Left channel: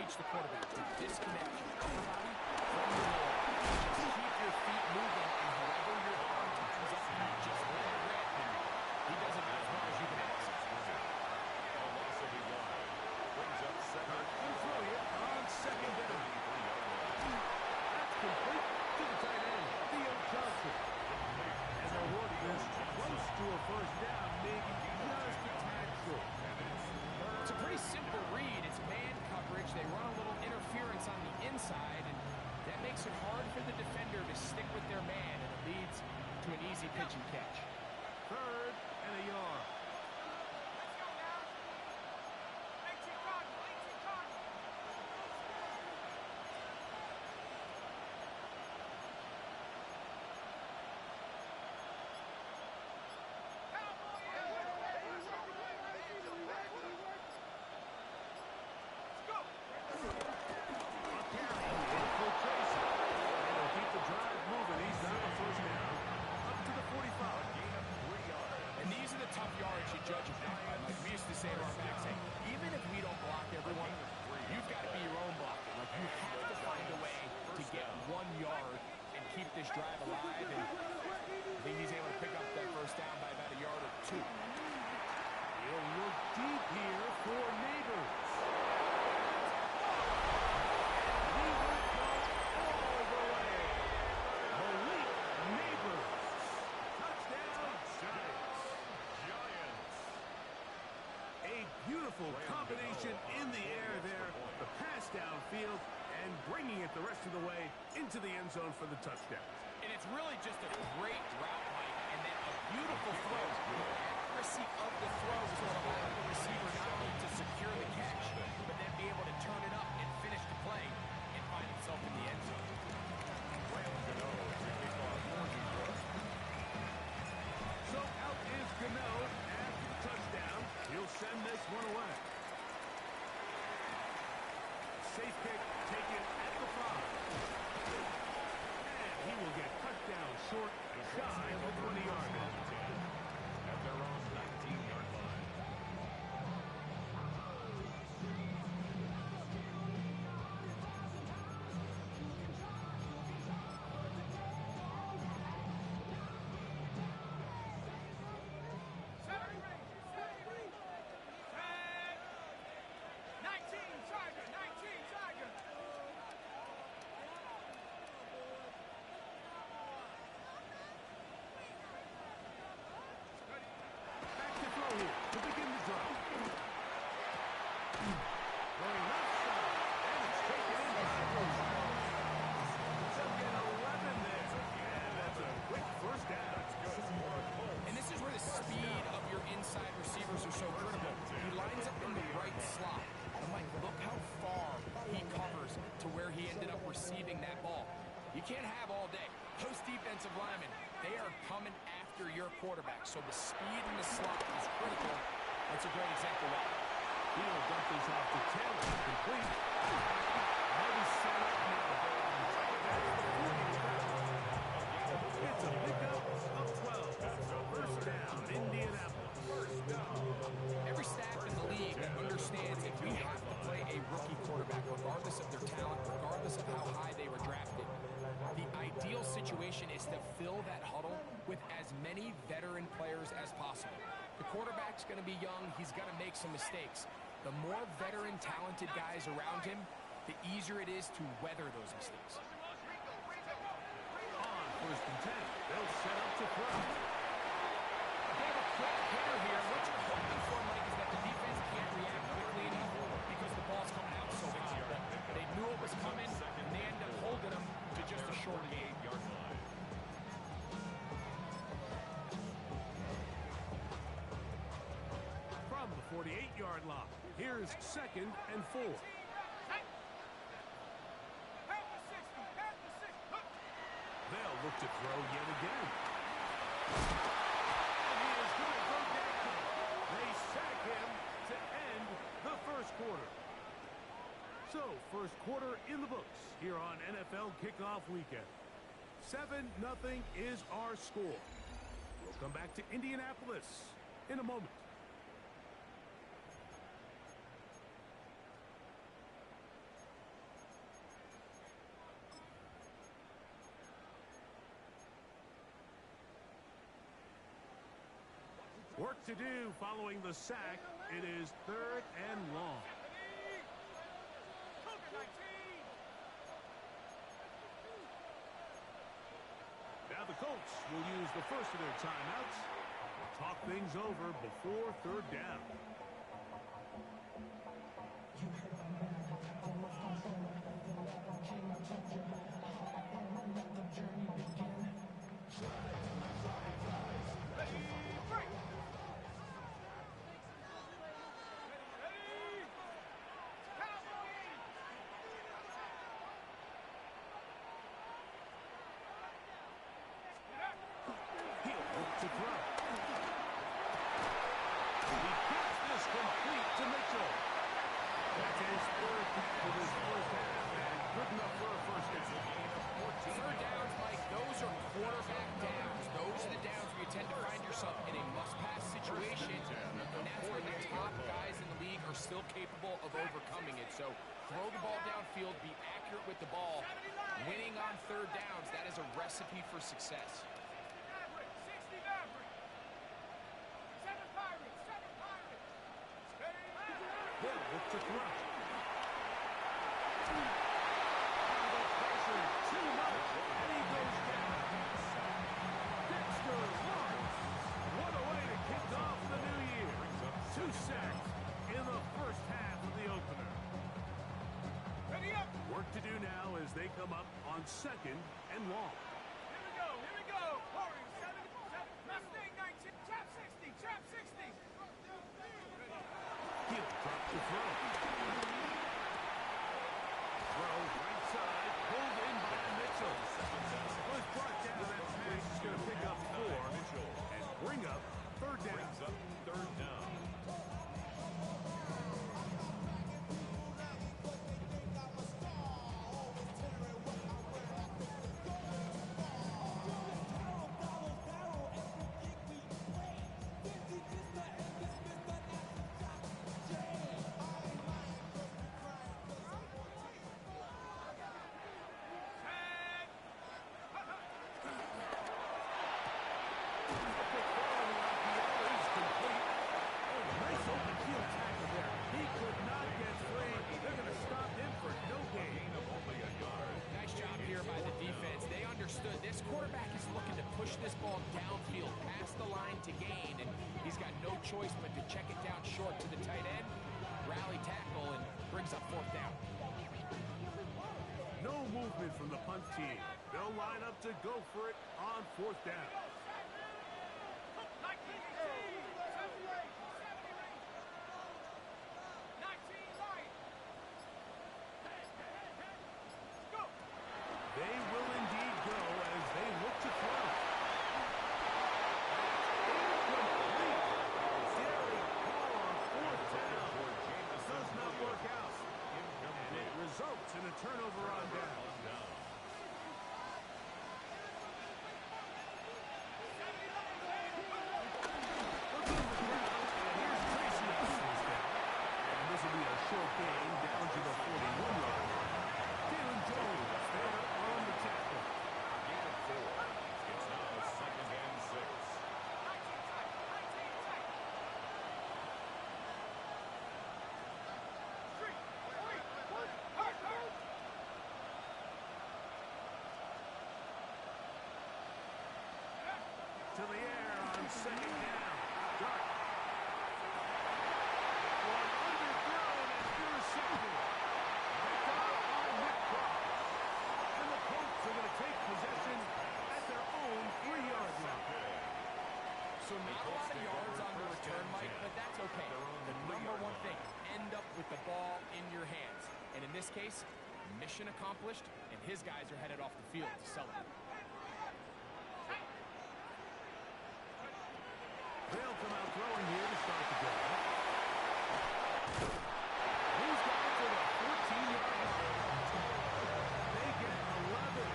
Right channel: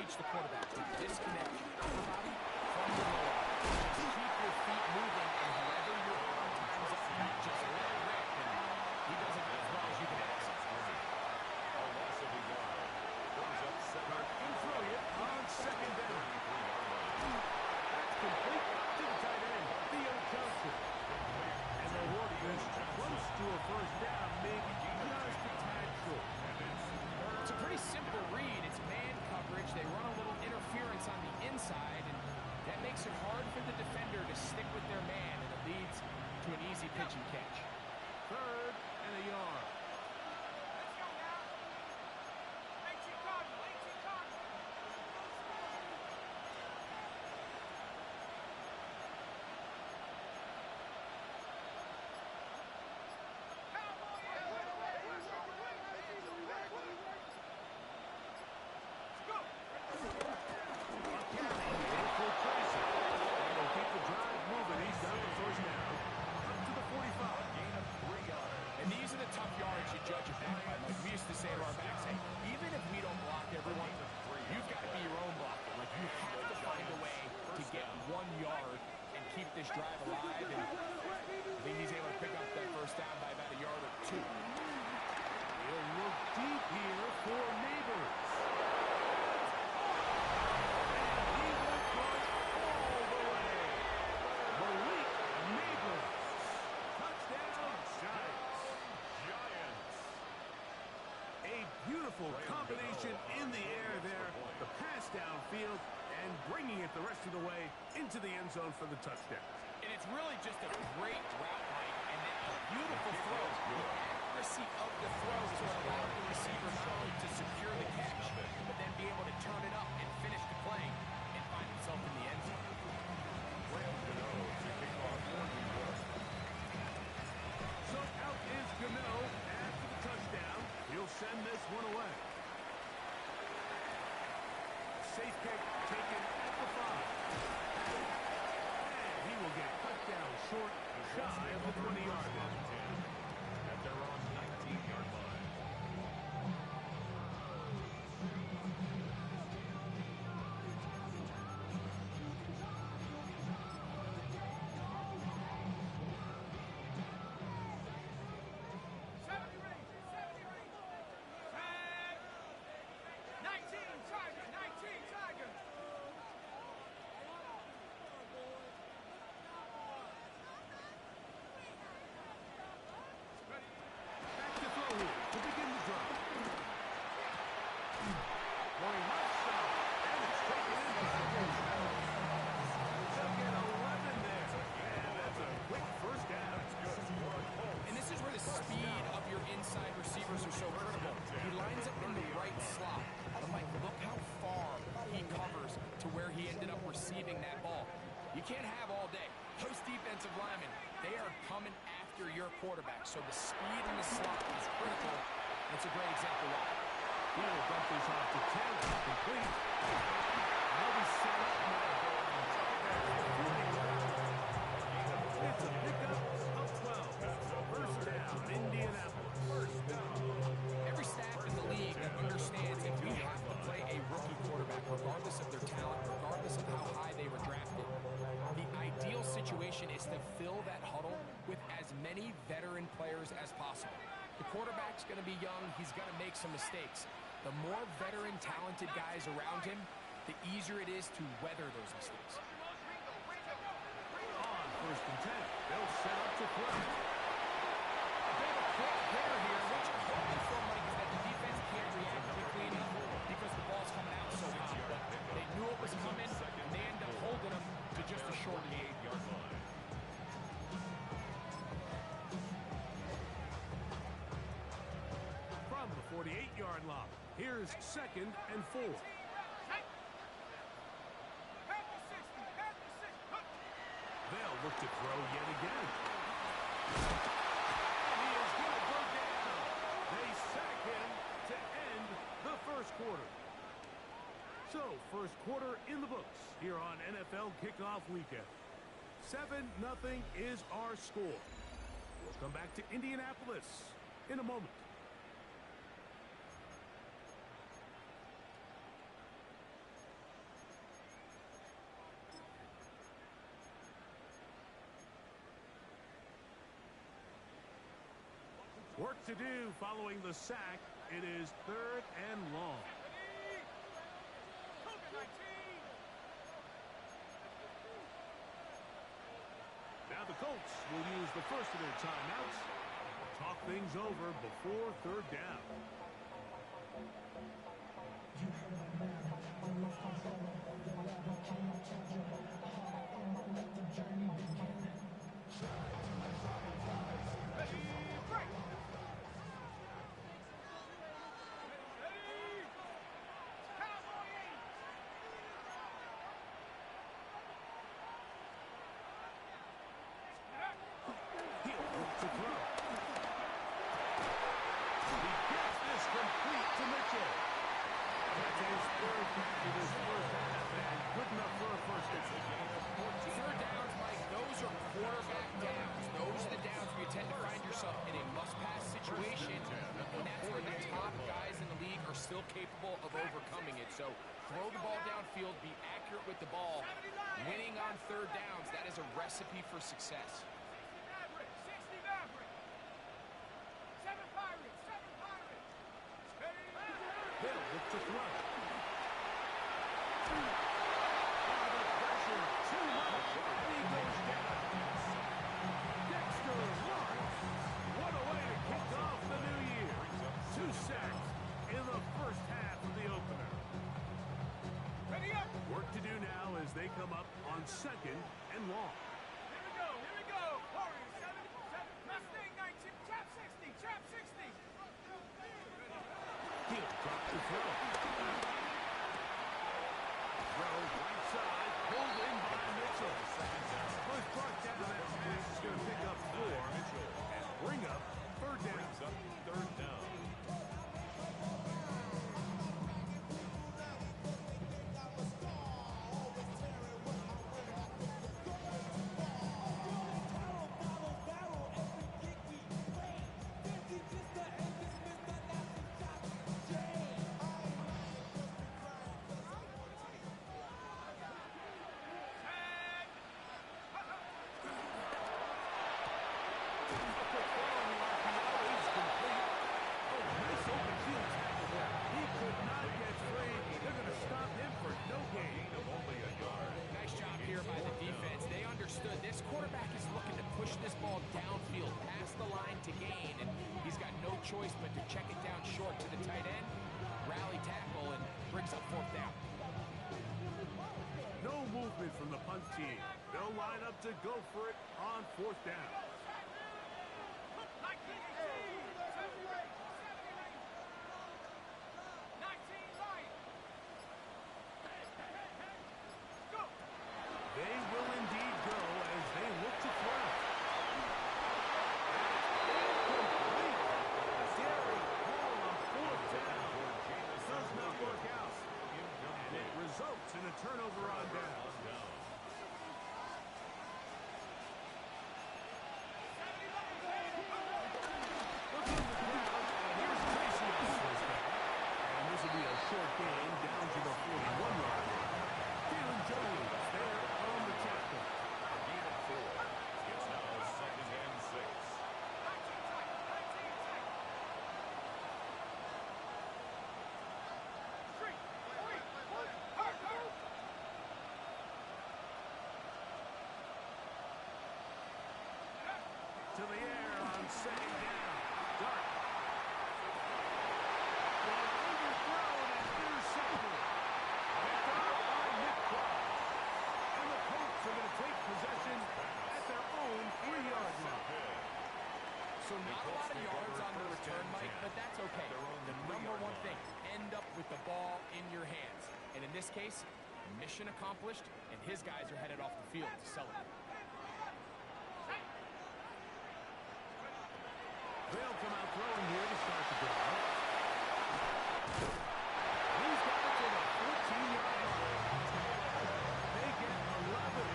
teach the quarterback to disconnect your upper body from your lower body. Just keep your feet moving, and however your arm times up, just let it rip. And he does it as well as you can ask. A loss of a yard. Brings up second and throw it on second down. That's complete to the tight end, Theo Johnson. And they're working this close to a first down, maybe just a tad short. It's a pretty simple read. It's man coverage. They run a little interference on the inside, and that makes it hard for the defender to stick with their man, and it leads to an easy pitch and catch. 3rd and a yard. Let's go now. 18 Cardinal, 18 Cardinal. And these are the tough yards you judge a back by. Like we used to say to our backs, hey, even if we don't block everyone, you've got to be your own blocker. Like you have to find a way to get 1 yard and keep this drive alive. And I think he's able to pick up that first down by about a yard or 2. He'll look deep here for Neighbors. And he will go all the way. Malik Neighbors. Touchdown, Giants. A beautiful combination in the air there. The pass downfield and bringing it the rest of the way into the end zone for the touchdown. And it's really just a great route, Mike, and then a beautiful throw. The accuracy of the throw is what allowed the receiver not only to secure the catch, but then be able to turn it up and finish the play and find himself in the end zone. So out is Gano after the touchdown. He'll send this one away. Safe kick taken at the 5. And he will get cut down short, shy of the 20-yard line. At their own 19-yard line. Back to throw here to begin the drive. Going left side, and it's taken in by Wilson. They'll get 11 there. And that's a quick first down. And this is where the speed of your inside receivers are so critical. He lines up in the right slot. But Mike, look how far he covers to where he ended up receiving that ball. You can't have all day. Those defensive linemen, they are coming after your quarterback. So the speed in the slot is critical. That's a great example why. He'll dump this off to Taylor. Complete. He'll be set up now. It's a pickup of 12. First down, Indianapolis. First down. Every staff in the league understands if we have to play a rookie quarterback, regardless of their talent, regardless of how high they were drafted, the ideal situation is to fill that huddle with as many veteran players as possible. The quarterback's going to be young. He's going to make some mistakes. The more veteran, talented guys around him, the easier it is to weather those mistakes. On first and 10, they'll set up to throw. A bit of a quick hitter here. What you're hoping for, Mike, is that the defense can't react quickly enough because the ball's coming out so hot. But they knew it was coming, and they end up holding him to just a short gain. 48-yard line. From the 48-yard line, here's 2nd and 4. They'll look to throw yet again. And he is going to go down. They sack him to end the first quarter. So, first quarter in the books here on NFL Kickoff Weekend. 7-0 is our score. We'll come back to Indianapolis in a moment. to do following the sack. It is 3rd and long. Now the Colts will use the first of their timeouts. Talk things over before 3rd down. You heard my man, I love controller. The ladder came, I told you how I am. I let the journey begin. Ready, break! He'll look to throw. He gets this complete to Mitchell. That's his 3rd catch of this first half, and good enough for a first down. It's a gain of 14. 3rd downs, Mike, those are quarterback downs. Those are the downs where you tend to find yourself in a must-pass situation, and that's where the top guys in the league are still capable of overcoming it. So throw the ball downfield, be accurate with the ball. Winning on 3rd downs, that is a recipe for success. 60 Maverick. 7 Pirates. 7 Pirates. They'll look to throw. The pressure, too much, and he goes down. Dexter Lawrence. What a way to kick off the new year. 2 sacks in the first half of the opener. Ready up. Work to do now as they come up on 2nd and long. Here we go. Here we go. Warriors 7. Mustang 19. Trap 60. Trap 60. He'll drop the throw. Throw right side, pulled in by Mitchell. Was brought down. That pass is going to pick up 4 and bring up 3rd down. Brings up 3rd down. This quarterback is looking to push this ball downfield past the line to gain, and he's got no choice but to check it down short to the tight end, rally tackle, and brings up 4th down. No movement from the punt team. They'll line up to go for it on 4th down. 19 Lions. Go. They will indeed go as they look to throw. That's incomplete. Derek Hall on 4th down. Does not work out. And it results in a turnover on down. Look in the crowd, and here's Tracy on 4th down. And this will be a short gain down to the 41-yard line. Jalen Jones there on the tackle. A gain of 4. It's now 2nd and 6. 19 tight. 19 tight. Street. Hurt. To the air on 2nd down. Dart. One underthrown and intercepted. Picked off by Nick Cross. And the Colts are going to take possession at their own 3-yard line. So not a lot of yards on the return, Mike, but that's okay. The number one thing, end up with the ball in your hands. And in this case, mission accomplished, and his guys are headed off the field to celebrate. They'll come out throwing here to start the drive. He's got it to the 14-yard line. They get 11.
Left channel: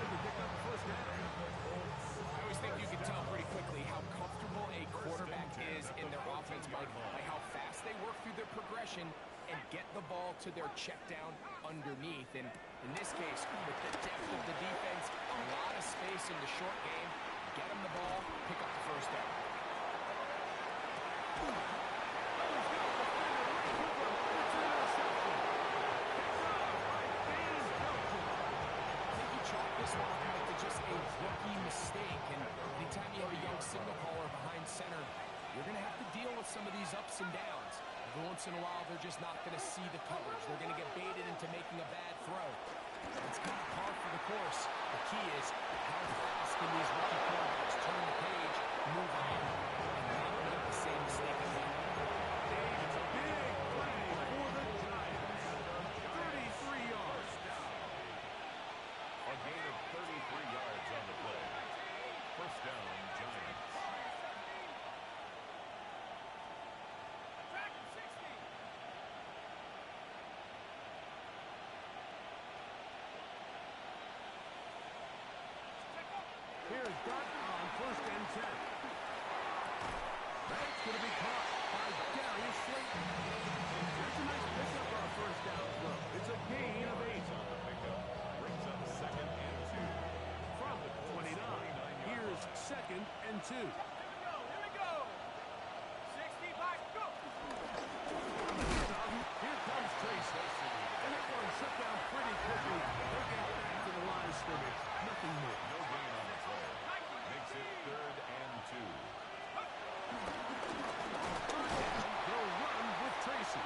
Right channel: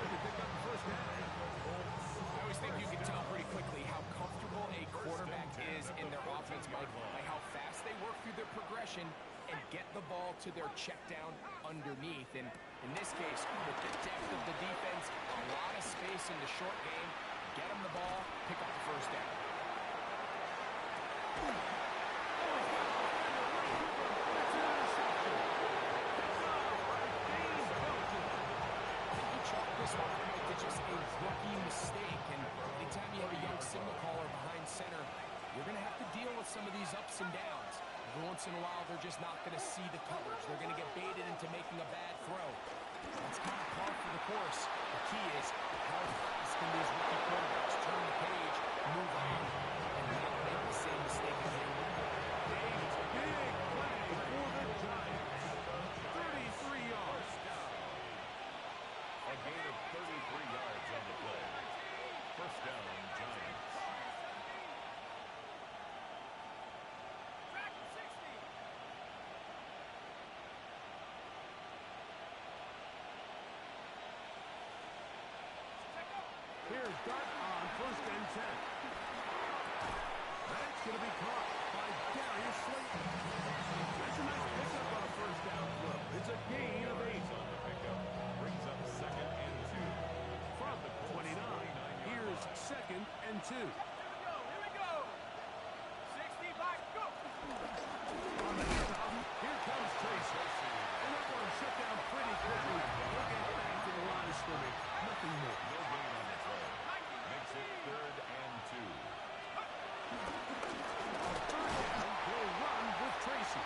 To pick up the first down. I always think you can tell pretty quickly how comfortable a quarterback is in their offense, Mike, by how fast they work through their progression and get the ball to their check down underneath. And in this case, with the depth of the defense, a lot of space in the short game, get them the ball, pick up the first down. Oh, he's got a defender right with him, and it's an interception. Picked off by Dane Belton. I think he chalked this one up, Mike, to just a rookie mistake. And anytime you have a young signal caller behind center, you're going to have to deal with some of these ups and downs. Every once in a while, they're just not going to see the coverage. They're going to get baited into making a bad throw. That's kind of par for the course. The key is how fast can these rookie quarterbacks turn the page, move on, and not make the same mistake again. A big play for the Giants. 33 yards. A gain of 33 yards on the play. First down, Giants. Track 60. Here's Dart on first and 10. That's going to be caught by Darius Slayton. That's a nice pickup on a first down throw. It's a gain of 8. On the pickup. Brings up second and 2. From the 29, here's second and 2. Here we go. 60 by go. On the handoff, here comes Tracy. And that one shut down pretty quickly. They'll get back to the line of scrimmage. Nothing more. No gain on the play. Makes it third and 2. Third down, he'll run with Tracy.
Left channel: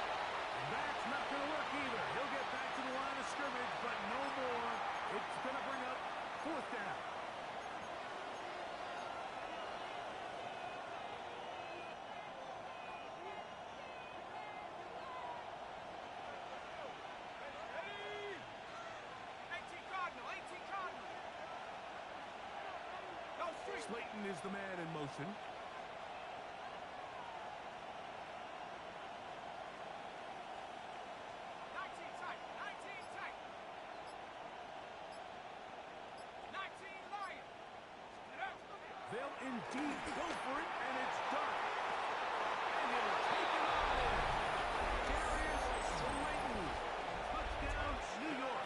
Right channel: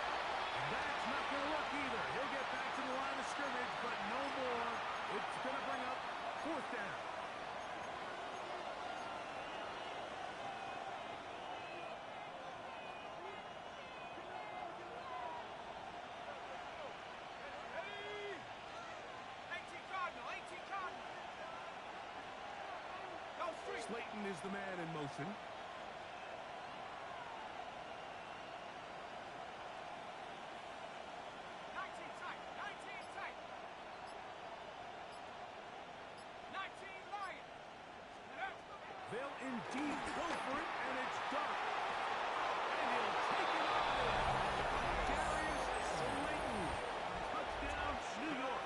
That's not going to work either. He'll get back to the line of scrimmage, but no more. It's going to bring up fourth down. Ready? 18 Cardinal, 18 Cardinal. Go street. Slayton is the man in motion. 19 tight, 19 tight. 19 Lion. They'll indeed go for it, and it's Dart. And he'll take it on in. Darius Slayton. Touchdown, New York.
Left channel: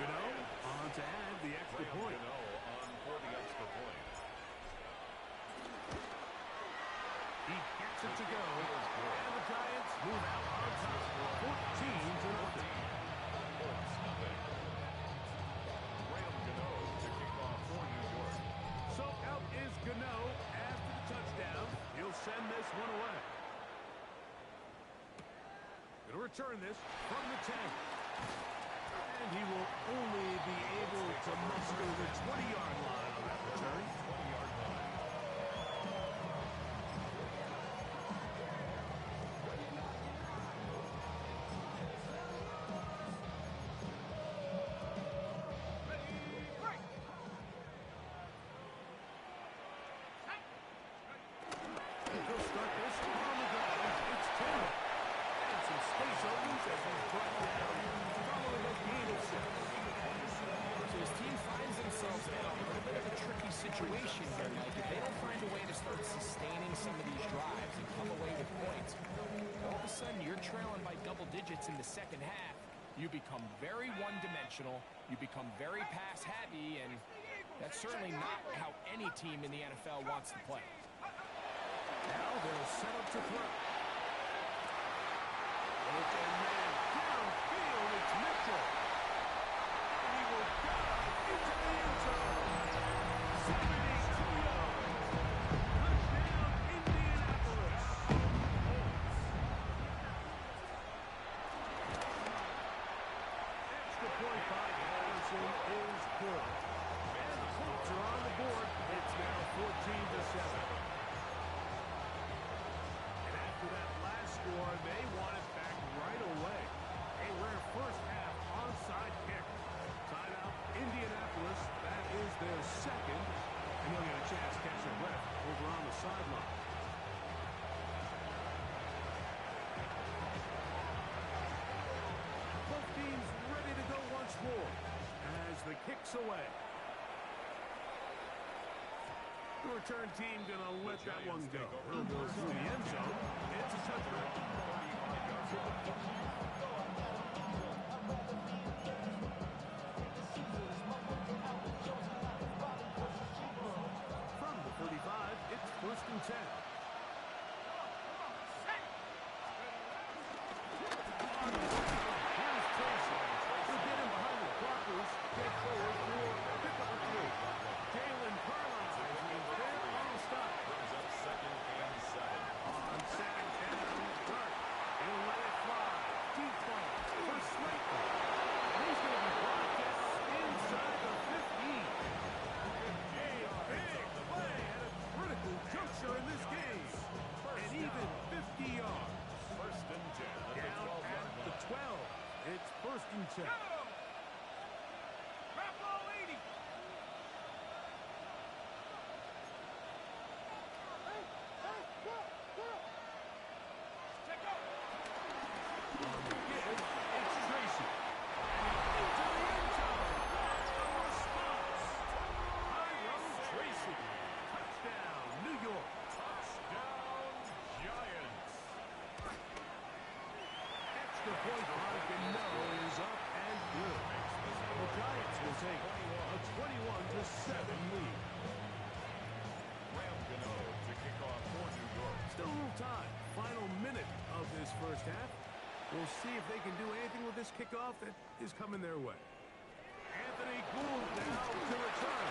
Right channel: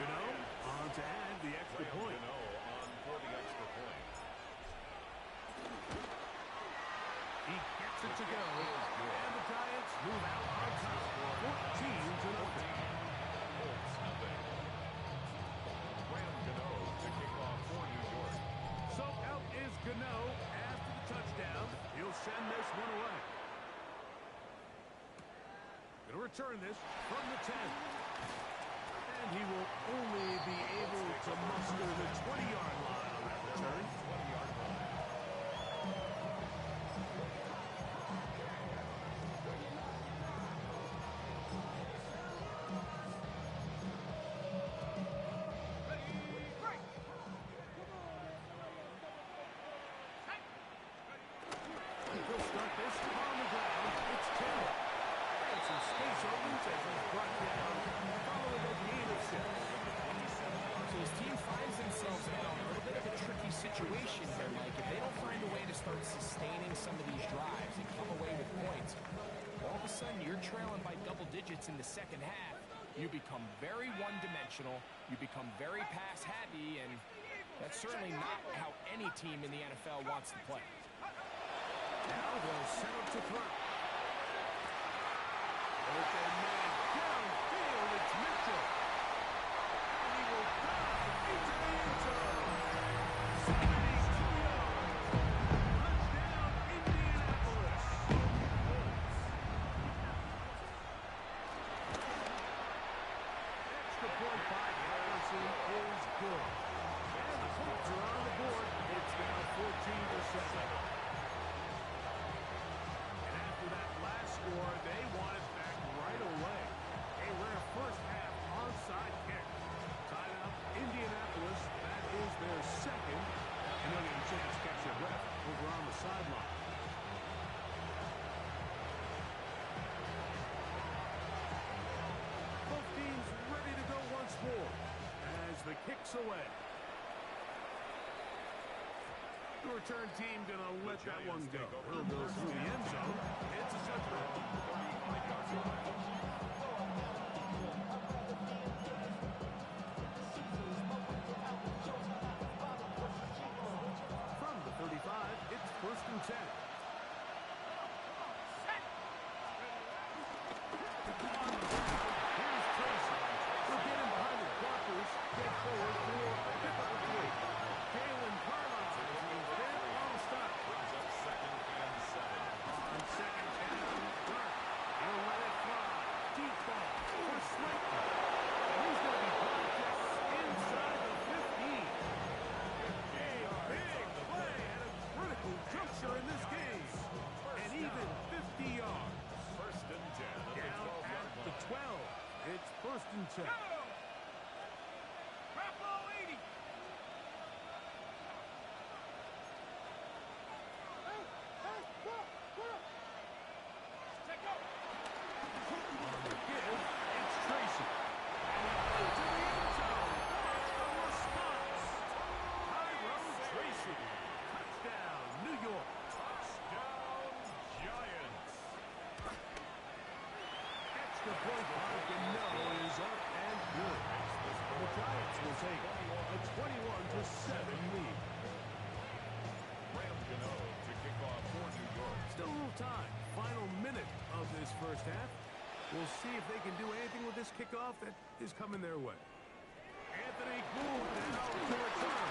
On to add the extra point. On for the extra point. He gets it to go, and the Giants move out on top, 14-0. Colts, nothing. Graham Gano to kick off for New York. So out is Gano after the touchdown. He'll send this one away. Going to return this from the 10. And he will only be able to muster the 20-yard line on that return. 20-yard line. He'll start this on the ground. It's Taylor. And some space opens as he's brought down following a gain of 6. So his team finds themselves in a little bit of a tricky situation here, Mike. If they don't find a way to start sustaining some of these drives and come away with points, all of a sudden you're trailing by double digits in the second half. You become very one-dimensional. You become very pass-heavy, and that's certainly not how any team in the NFL wants to play. Now they'll set up to throw. Open man downfield. It's Mitchell. And he will dive into the end zone. 72 yards. Touchdown, Indianapolis. Extra point by Harrison is good. And the Colts are on the board. It's now 14-7. After that last score, they want it back right away. A rare first half onside kick. Timeout, Indianapolis. That is their second. And they'll get a chance to catch their breath over on the sideline. Both teams ready to go once more as the kick's away. The return team going to let that one go. It'll go through the end zone. It's a touchdown. 35-yard line. From the 35, it's first and 10. set. Garoppolo 80. Check out. On the give, it's Tracy. And he's into the end zone. What a response. Tyrone Tracy. Touchdown, New York. Touchdown, Giants. Extra point mark and no is up and good. The Giants will take a 21-7 lead. Ram Gano to kick off for New York. Still a little time. Final minute of this first half. We'll see if they can do anything with this kickoff that is coming their way. Anthony Gould now to return.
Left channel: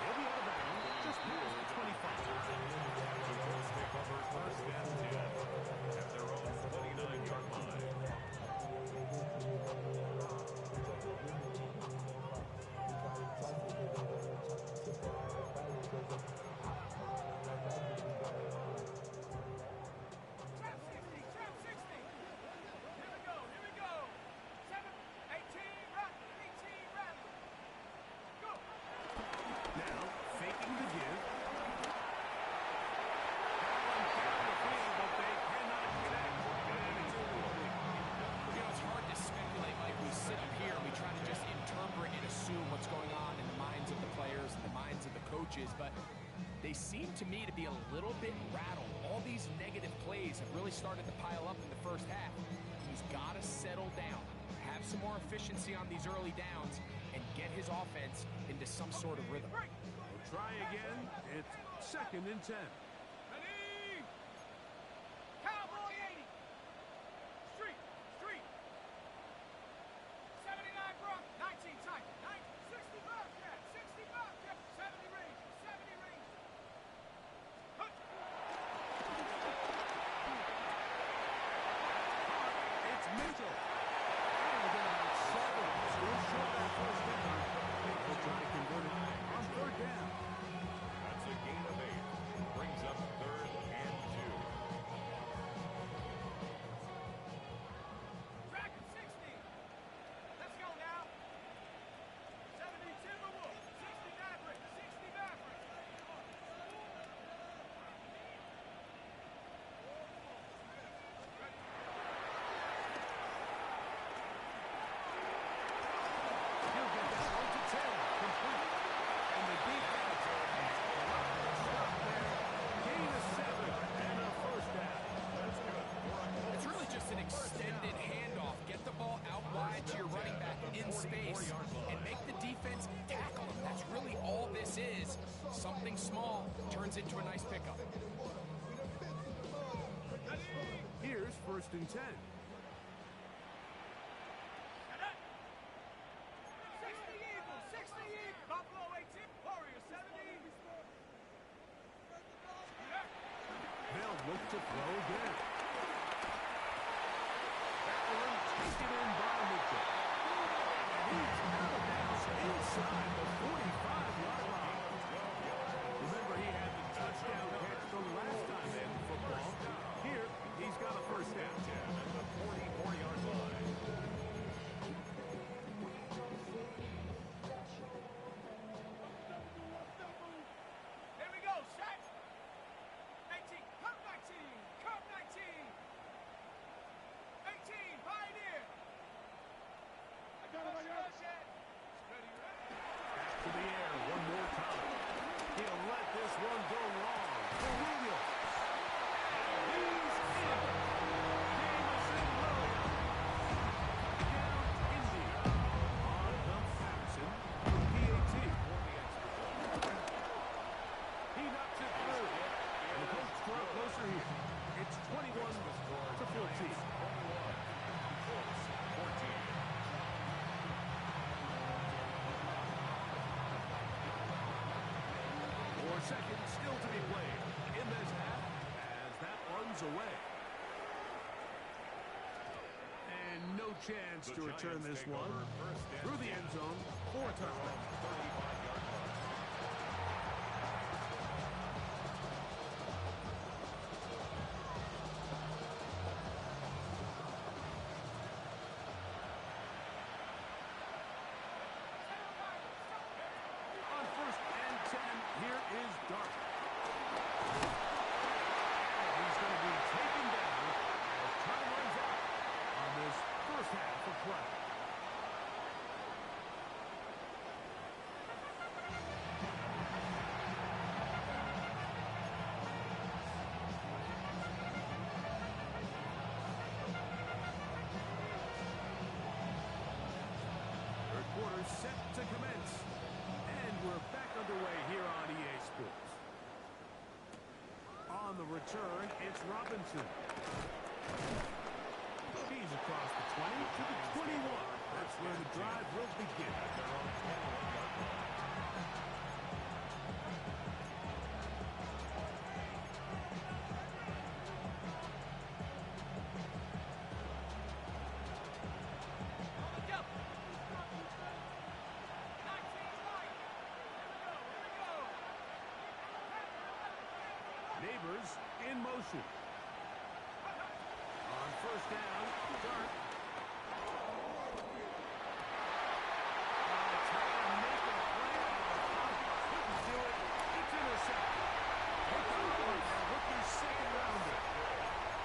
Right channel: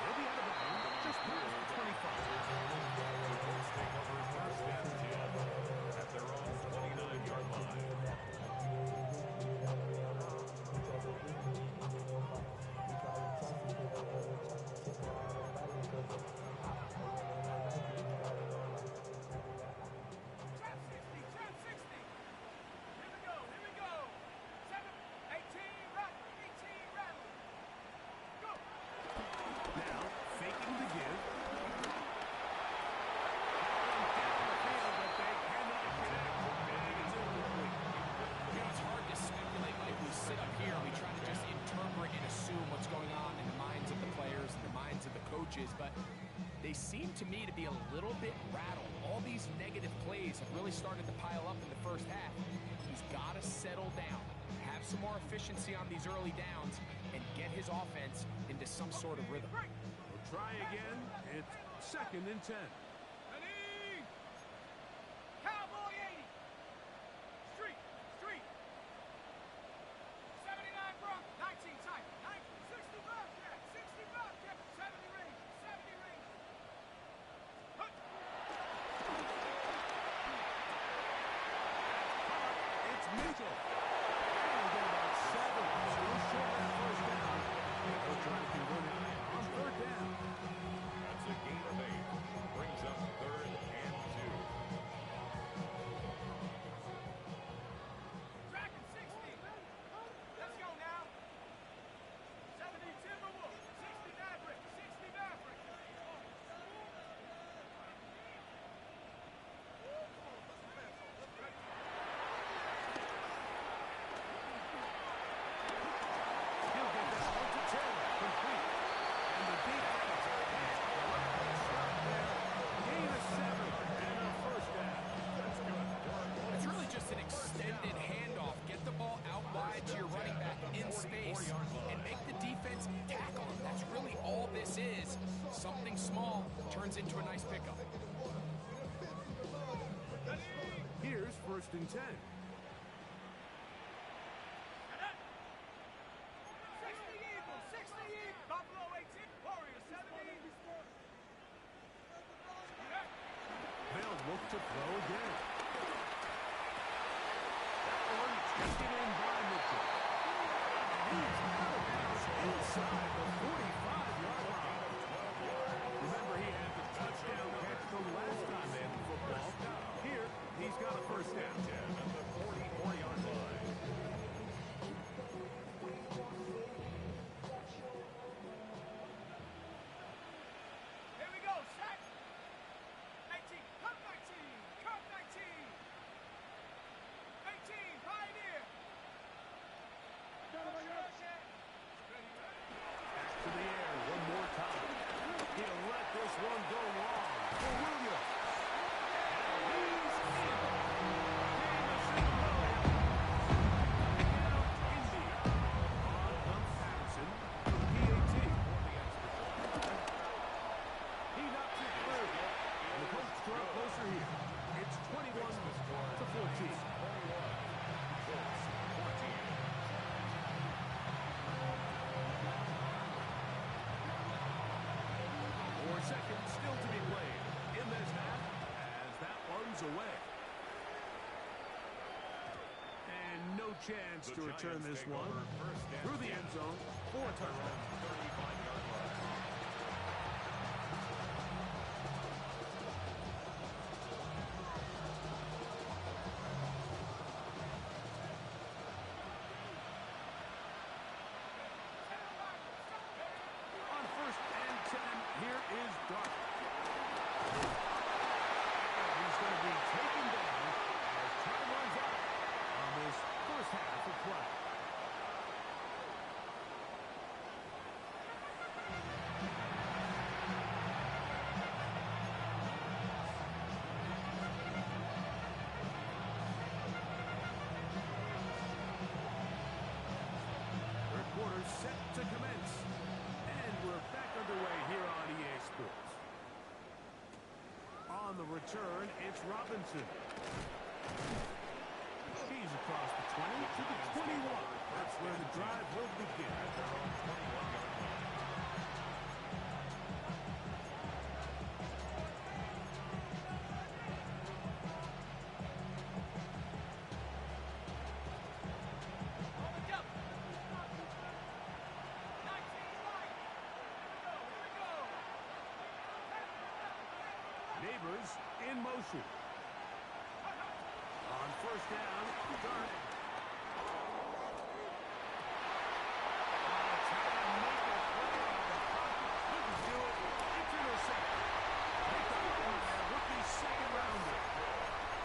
He'll be out of bounds just past the 25. The Colts take over first and 10 at their own 29-yard line. Trap 60. Trap 60. Here we go. Here we go. 7, 18, Rattler. 18, Rattler. Go. Now, faking the give. That one down the field, but they cannot connect. And it's incomplete. You know, it's hard to speculate, Mike. We sit up here and we try to just interpret and assume what's going on in the minds of the players and the minds of the coaches, but they seem to me to be a little bit rattled. All these negative plays have really started to pile up in the first half. He's got to settle down, have some more efficiency on these early downs, and get his offense into some sort of rhythm. We'll try again. It's 2nd and 10. Ready. Cowboy 80. Street. Street. 79 Bronx. 19 tight. 60 Bobcat. 60 Bobcat. 70 Ranger. 70 Ranger. Hut. It's Mitchell. And we'll get about 7. Still short that first down. They'll try to convert it on 3rd down. That's a gain of 8. Brings up 3rd and 2. Dragon 60. Let's go now. 70 Timberwolves. 60 Maverick. 60 Maverick. He'll get that one to Taylor. Complete. And the defense has stopped there. Gain of 7 and a first down. That's good for a Colts. It's really just an extended handoff. Get the ball out wide to your running back in space and make the defense tackle him. That's really all this is. Something small turns into a nice pickup. Here's 1st and 10. 60 Eagles. 60 Eagles. Buffalo 18. Warriors 70. They'll look to throw again. That one taken in by Mitchell. And he's out of bounds inside the 45-yard line. Remember, he had the touchdown catch the last time they had the football. Here, he's got a first down. 10 at the 44-yard line. Here we go. Shot. 18. Cup 19. Cup 19. 18. Pioneer. I got him. Ready, ready. Back to the air one more time. He'll let this one go long for Williams. And he's in. Jamison Williams. Down Indy. On comes Patterson from PAT. He knocks it through. And the Colts draw closer here. It's 21-14. 21. Colts 14. 4 seconds still to be played in this half as that one's away. And no chance to return this one through the end zone for a touchdown. 35-yard line. here is Dark. And he's going to be taken down as time runs out on this first half of play. Third quarter set to commence. And we're back underway here on EA Sports. On the return, it's Robinson. He's across the 20 to the 21. That's where the drive will begin. At their own 21-yard line. On the double. 19 right. Here we go. Neighbors in motion. On first down, Dark. Trying to make a play out of the pocket. Couldn't do it. It's intercepted. Picked up on their rookie second rounder.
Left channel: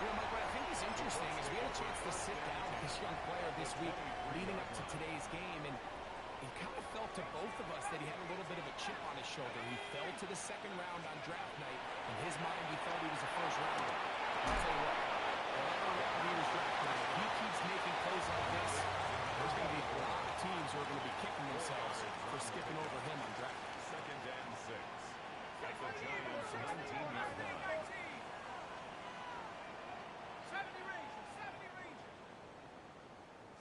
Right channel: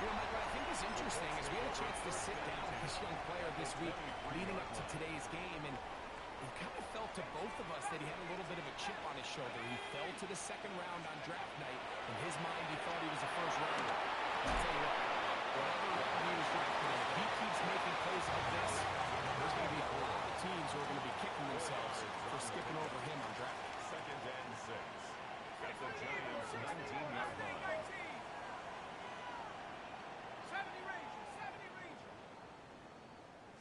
You know, Mike, what I think is interesting is we had a chance to sit down with this young player this week leading up to today's game, and it kind of felt to both of us that he had a little bit of a chip on his shoulder. He fell to the second round on draft night. In his mind, he thought he was a first rounder. I'll tell you what, whatever round he was drafted in, if he keeps making plays like this, there's going to be a lot of teams who are going to be kicking themselves for skipping over him on draft night. 2nd and 6. At the Giants' 19-yard line. 70 Ranger. 70 Ranger.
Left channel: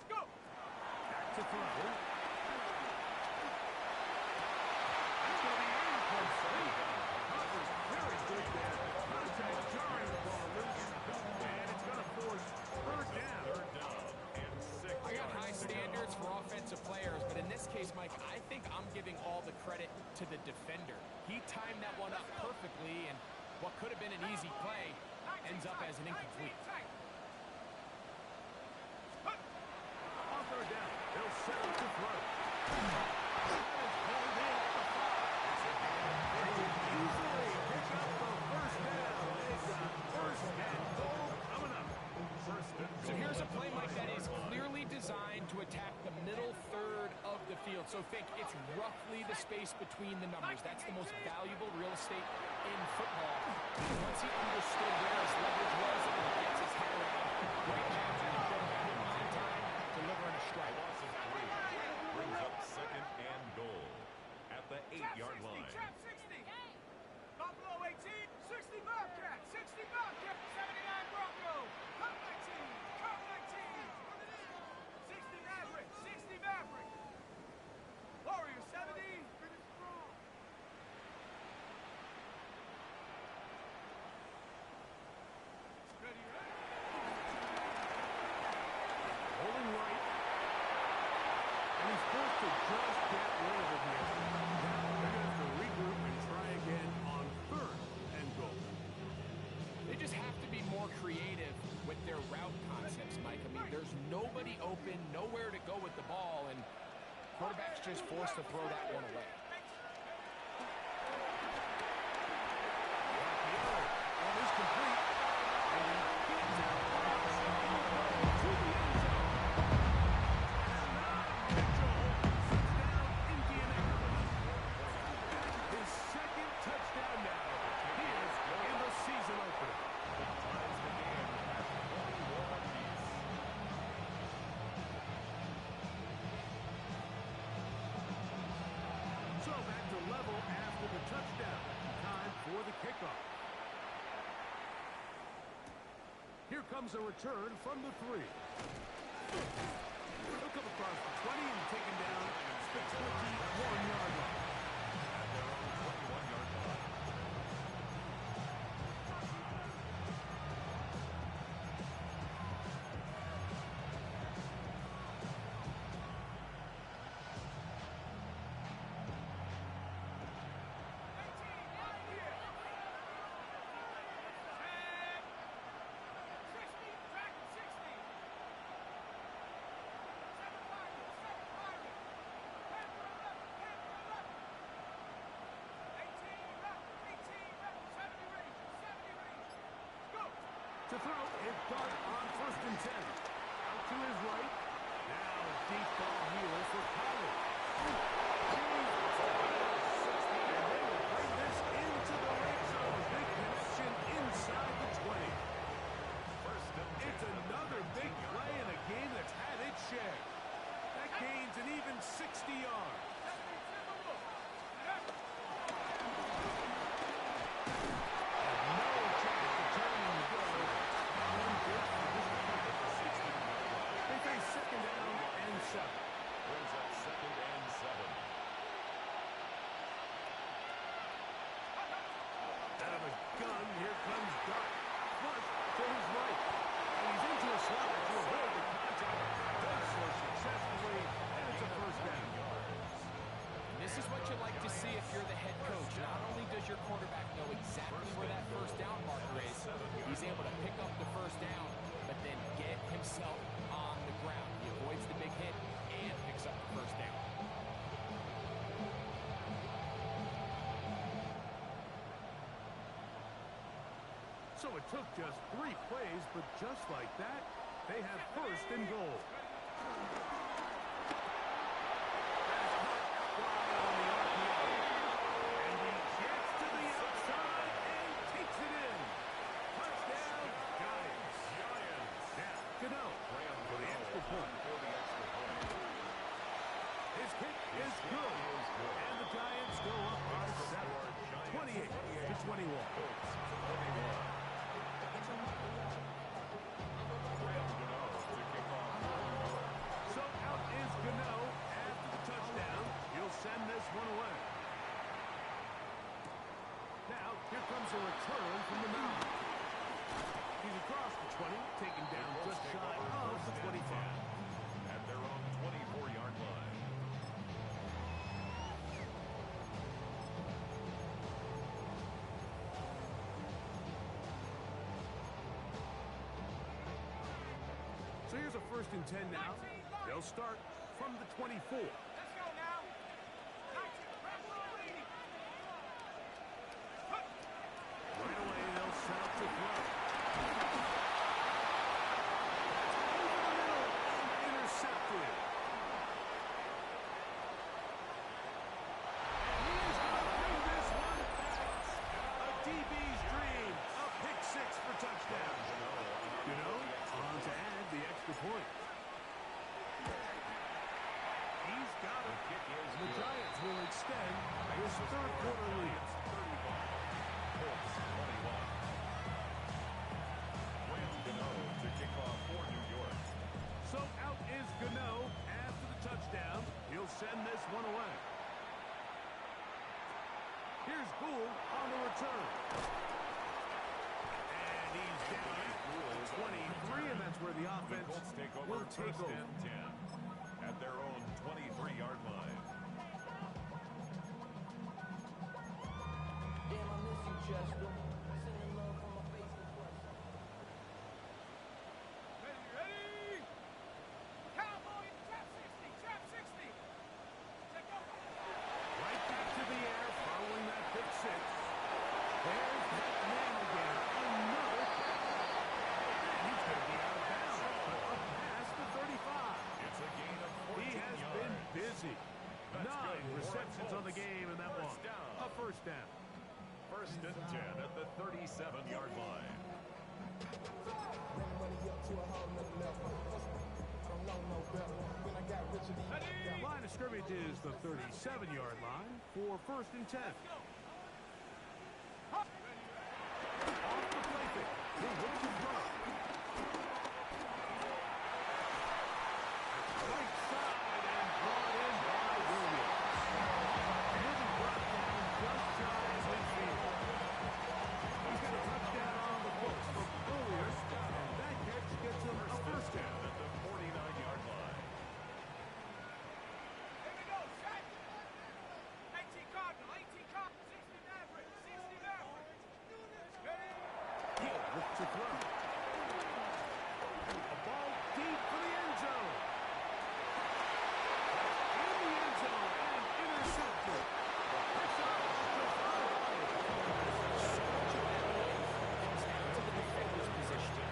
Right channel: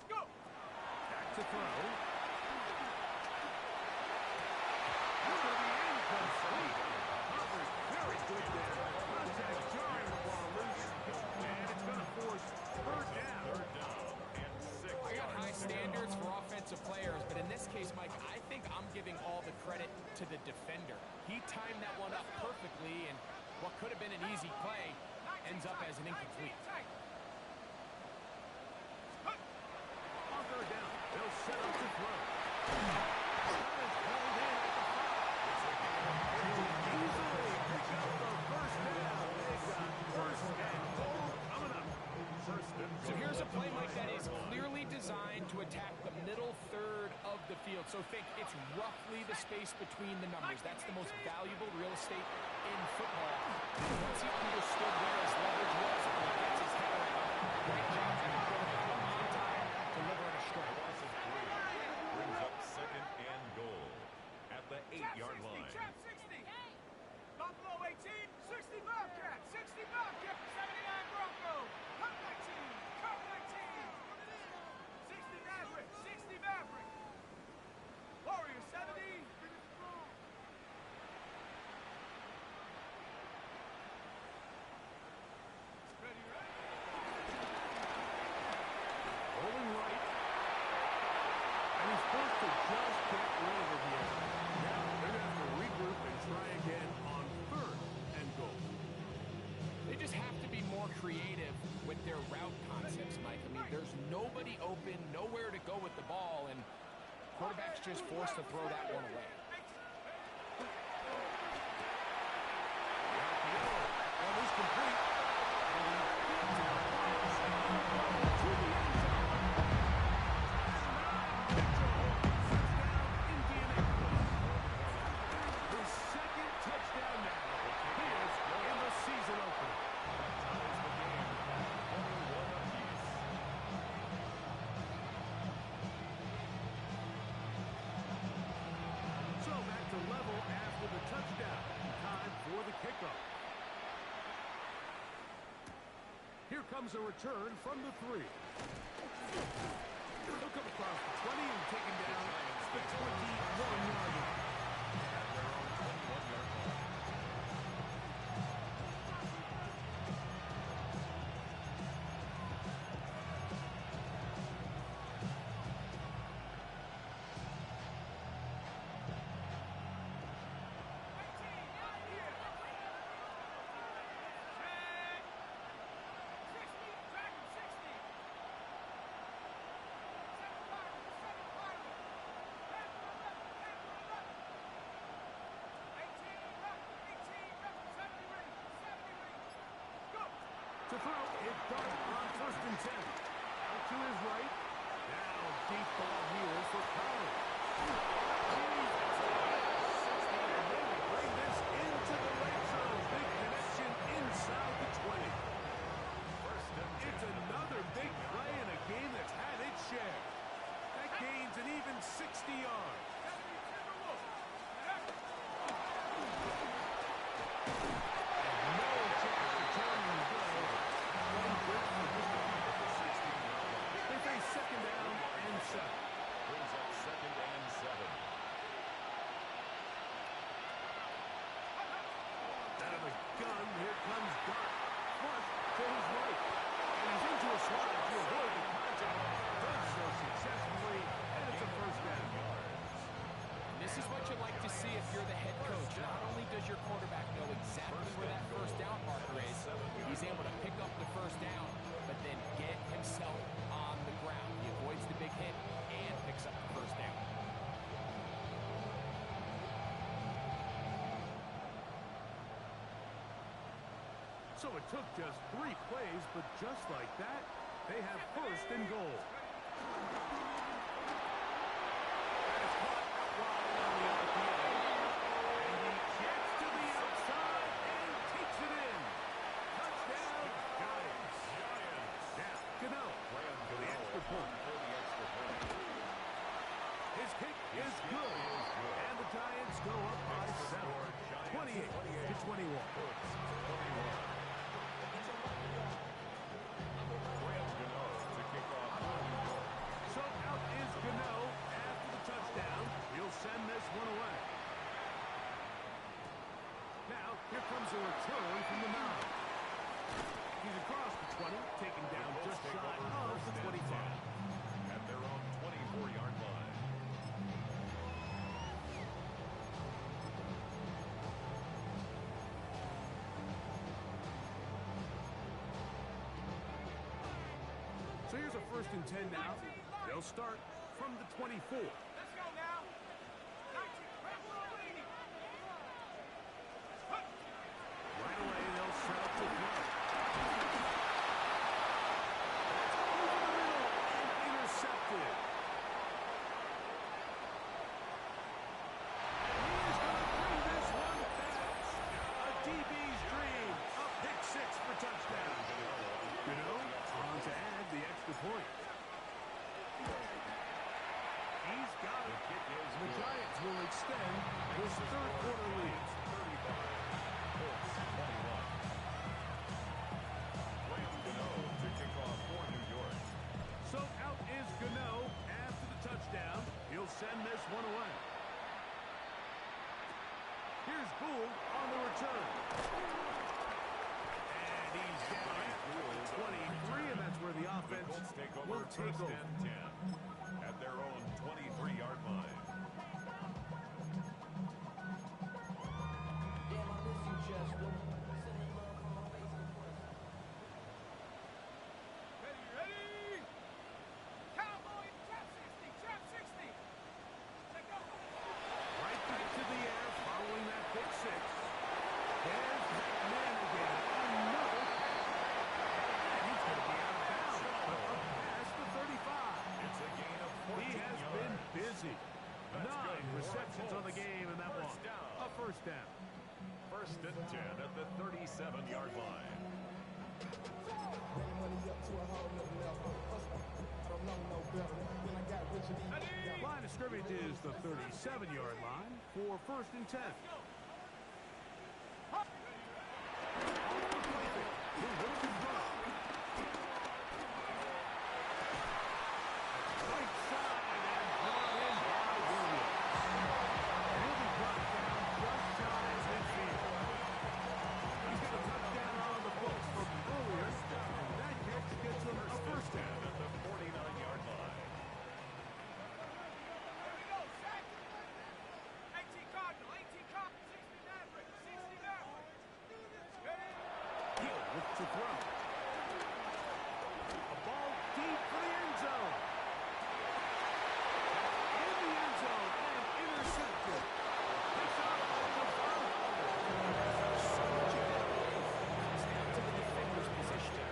Let's go. Back to throw. It's going to be incomplete. Covers very good there. Contact jarring the ball loose. And it's going to force third down. 3rd down and 6. I got high standards for offensive players, but in this case, Mike, I think I'm giving all the credit to the defender. He timed that one up perfectly, and what could have been an easy play ends up as an incomplete. 19 tight. On third down, they'll set up to throw. That is pulled in at the 5. They easily pick up the first down. They've got first and goal coming up. First and goal. So here's a play, Mike, that is clearly designed to attack the middle third of the field. So think it's roughly the space between the numbers. That's the most valuable real estate in football. Once he understood where his leverage was, and he gets his head around, great job by the quarterback. On time, delivering a strike. A loss of 3 brings up 2nd and goal at the 8-yard line. Trap 60. Buffalo 18. 60 Bobcat. 60 Bobcat. 79 Bronco. Cup 19. Cup 19. 60 Maverick. 60 Maverick. Warrior 70. Finish strong. Ready, ready. Rolling right. And he's forced to just get rid of it here. Now they're going to have to regroup and try again on 3rd and goal. They just have to be more creative with their route concepts, Mike. I mean, there's nobody open, nowhere to go with the ball, and quarterback's just forced to throw that one away. RPO. That one is complete. And he spins out wide. To the end zone. Mitchell. Touchdown, Indianapolis. His 2nd touchdown now. Here in the season opener. That ties the game at 21 apiece. So back to level after the touchdown. Time for the kickoff. Here comes a return from the 3. He'll come across the 20 and taken down the 21-yard line. At their own 21-yard line. Dragon 60. 7 Pirates. 7 Pirates. To throw, it's Dart on 1st and 10. Out to his right. Now deep ball here for Pollard. He's got it. And they will bring this into the red zone. Big connection inside the 20. It's another big play in a game that's had its share. That gains an even 60 yards. And no chance to turn and go. One good for just a pick at the 16-yard line. They face 2nd down and 7. Brings up 2nd and 7. Out of the gun, here comes Dart. Flush to his right. And he's into a slide to avoid the contact. Does so successfully, and it's a 1st down. And this is what you like to see if you're the head coach. Not only does your quarterback know exactly where that 1st down marker is, he's able to pick up the 1st down, but then get himself on the ground. He avoids the big hit and picks up the 1st down. So it took just 3 plays, but just like that, they have 1st and goal. That is caught out wide on the RPO. And he gets to the outside and takes it in. Touchdown, Giants. Now, Gano for the extra point. His kick is good. And the Giants go up by 7. 28-21. So out is Gano after the touchdown. He'll send this one away. Now, here comes a return from the 9. He's across the 20, taken down just shy of the 25. At their own 24-yard line. So here's a 1st and 10 now. They'll start from the 24. Let's go now. 19, grab a little lead. Right away, they'll set up to throw. That's over the middle and intercepted. And he is going to bring this one back. A DB's dream. A pick 6 for touchdown. Gano on to add the extra point. He's got it. The Giants will extend his 3rd quarter lead. 35. Colts 21. Gano to kick off for New York. So out is Gano after the touchdown. He'll send this one away. Here's Gould on the return. And he's down at 23, and that's where the offense Colts take over will take 1st over. and 10 at their own 23-yard line. Damn, I miss you, Chester. Sending love from my Facebook friends. Ready? Cowboy, trap 60, trap 60. Take over. Right back to the air following that pick 6. There's that man again. Another catch. And he's going to be out of bounds, but up past the 35. It's a gain of 14 He has yards. been busy. That's 9 good for receptions on the Colts. game in that one. First down. A 1st down. 1st and 10 at the 37-yard line. Running money up to a whole nother level. I don't know no better. When I got rich, Line of scrimmage is the 37-yard line for 1st and 10. Off the play fake. He'll look to throw. Right side and brought in by Williams. And he'll be brought down just shy of midfield. He's got a touchdown on the books from earlier, and that catch gets him a 1st down. At the 49-yard line. Here we go, Shaq. 18 Cardinal, 18 Cardinal, 60 Maverick, 60 Maverick. Ready? He'll look to throw. A ball deep for the end zone. That's in the end zone and intercepted. Picks up to Von Holland. So much of that play comes down to the defender's position.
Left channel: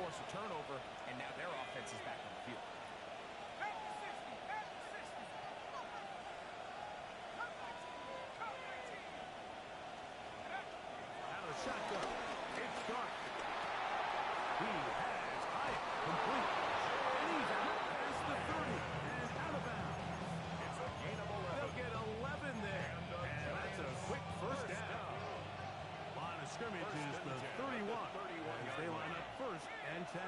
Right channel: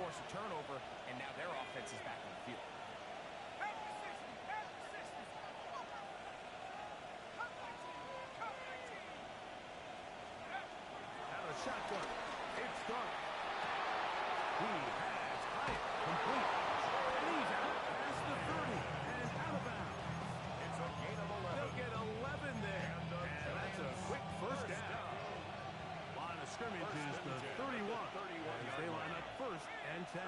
force a turnover, and now their offense is back on the field. Half the 60, half the 60. Come 19, come 19. Out of the shotgun. It's Dark. He has Hyatt complete. And he's out past the 30 and out of bounds. It's a gain of 11. They'll get 11 there. And that's a quick first down. Line of scrimmage is the 31 as they line up 1st and 10.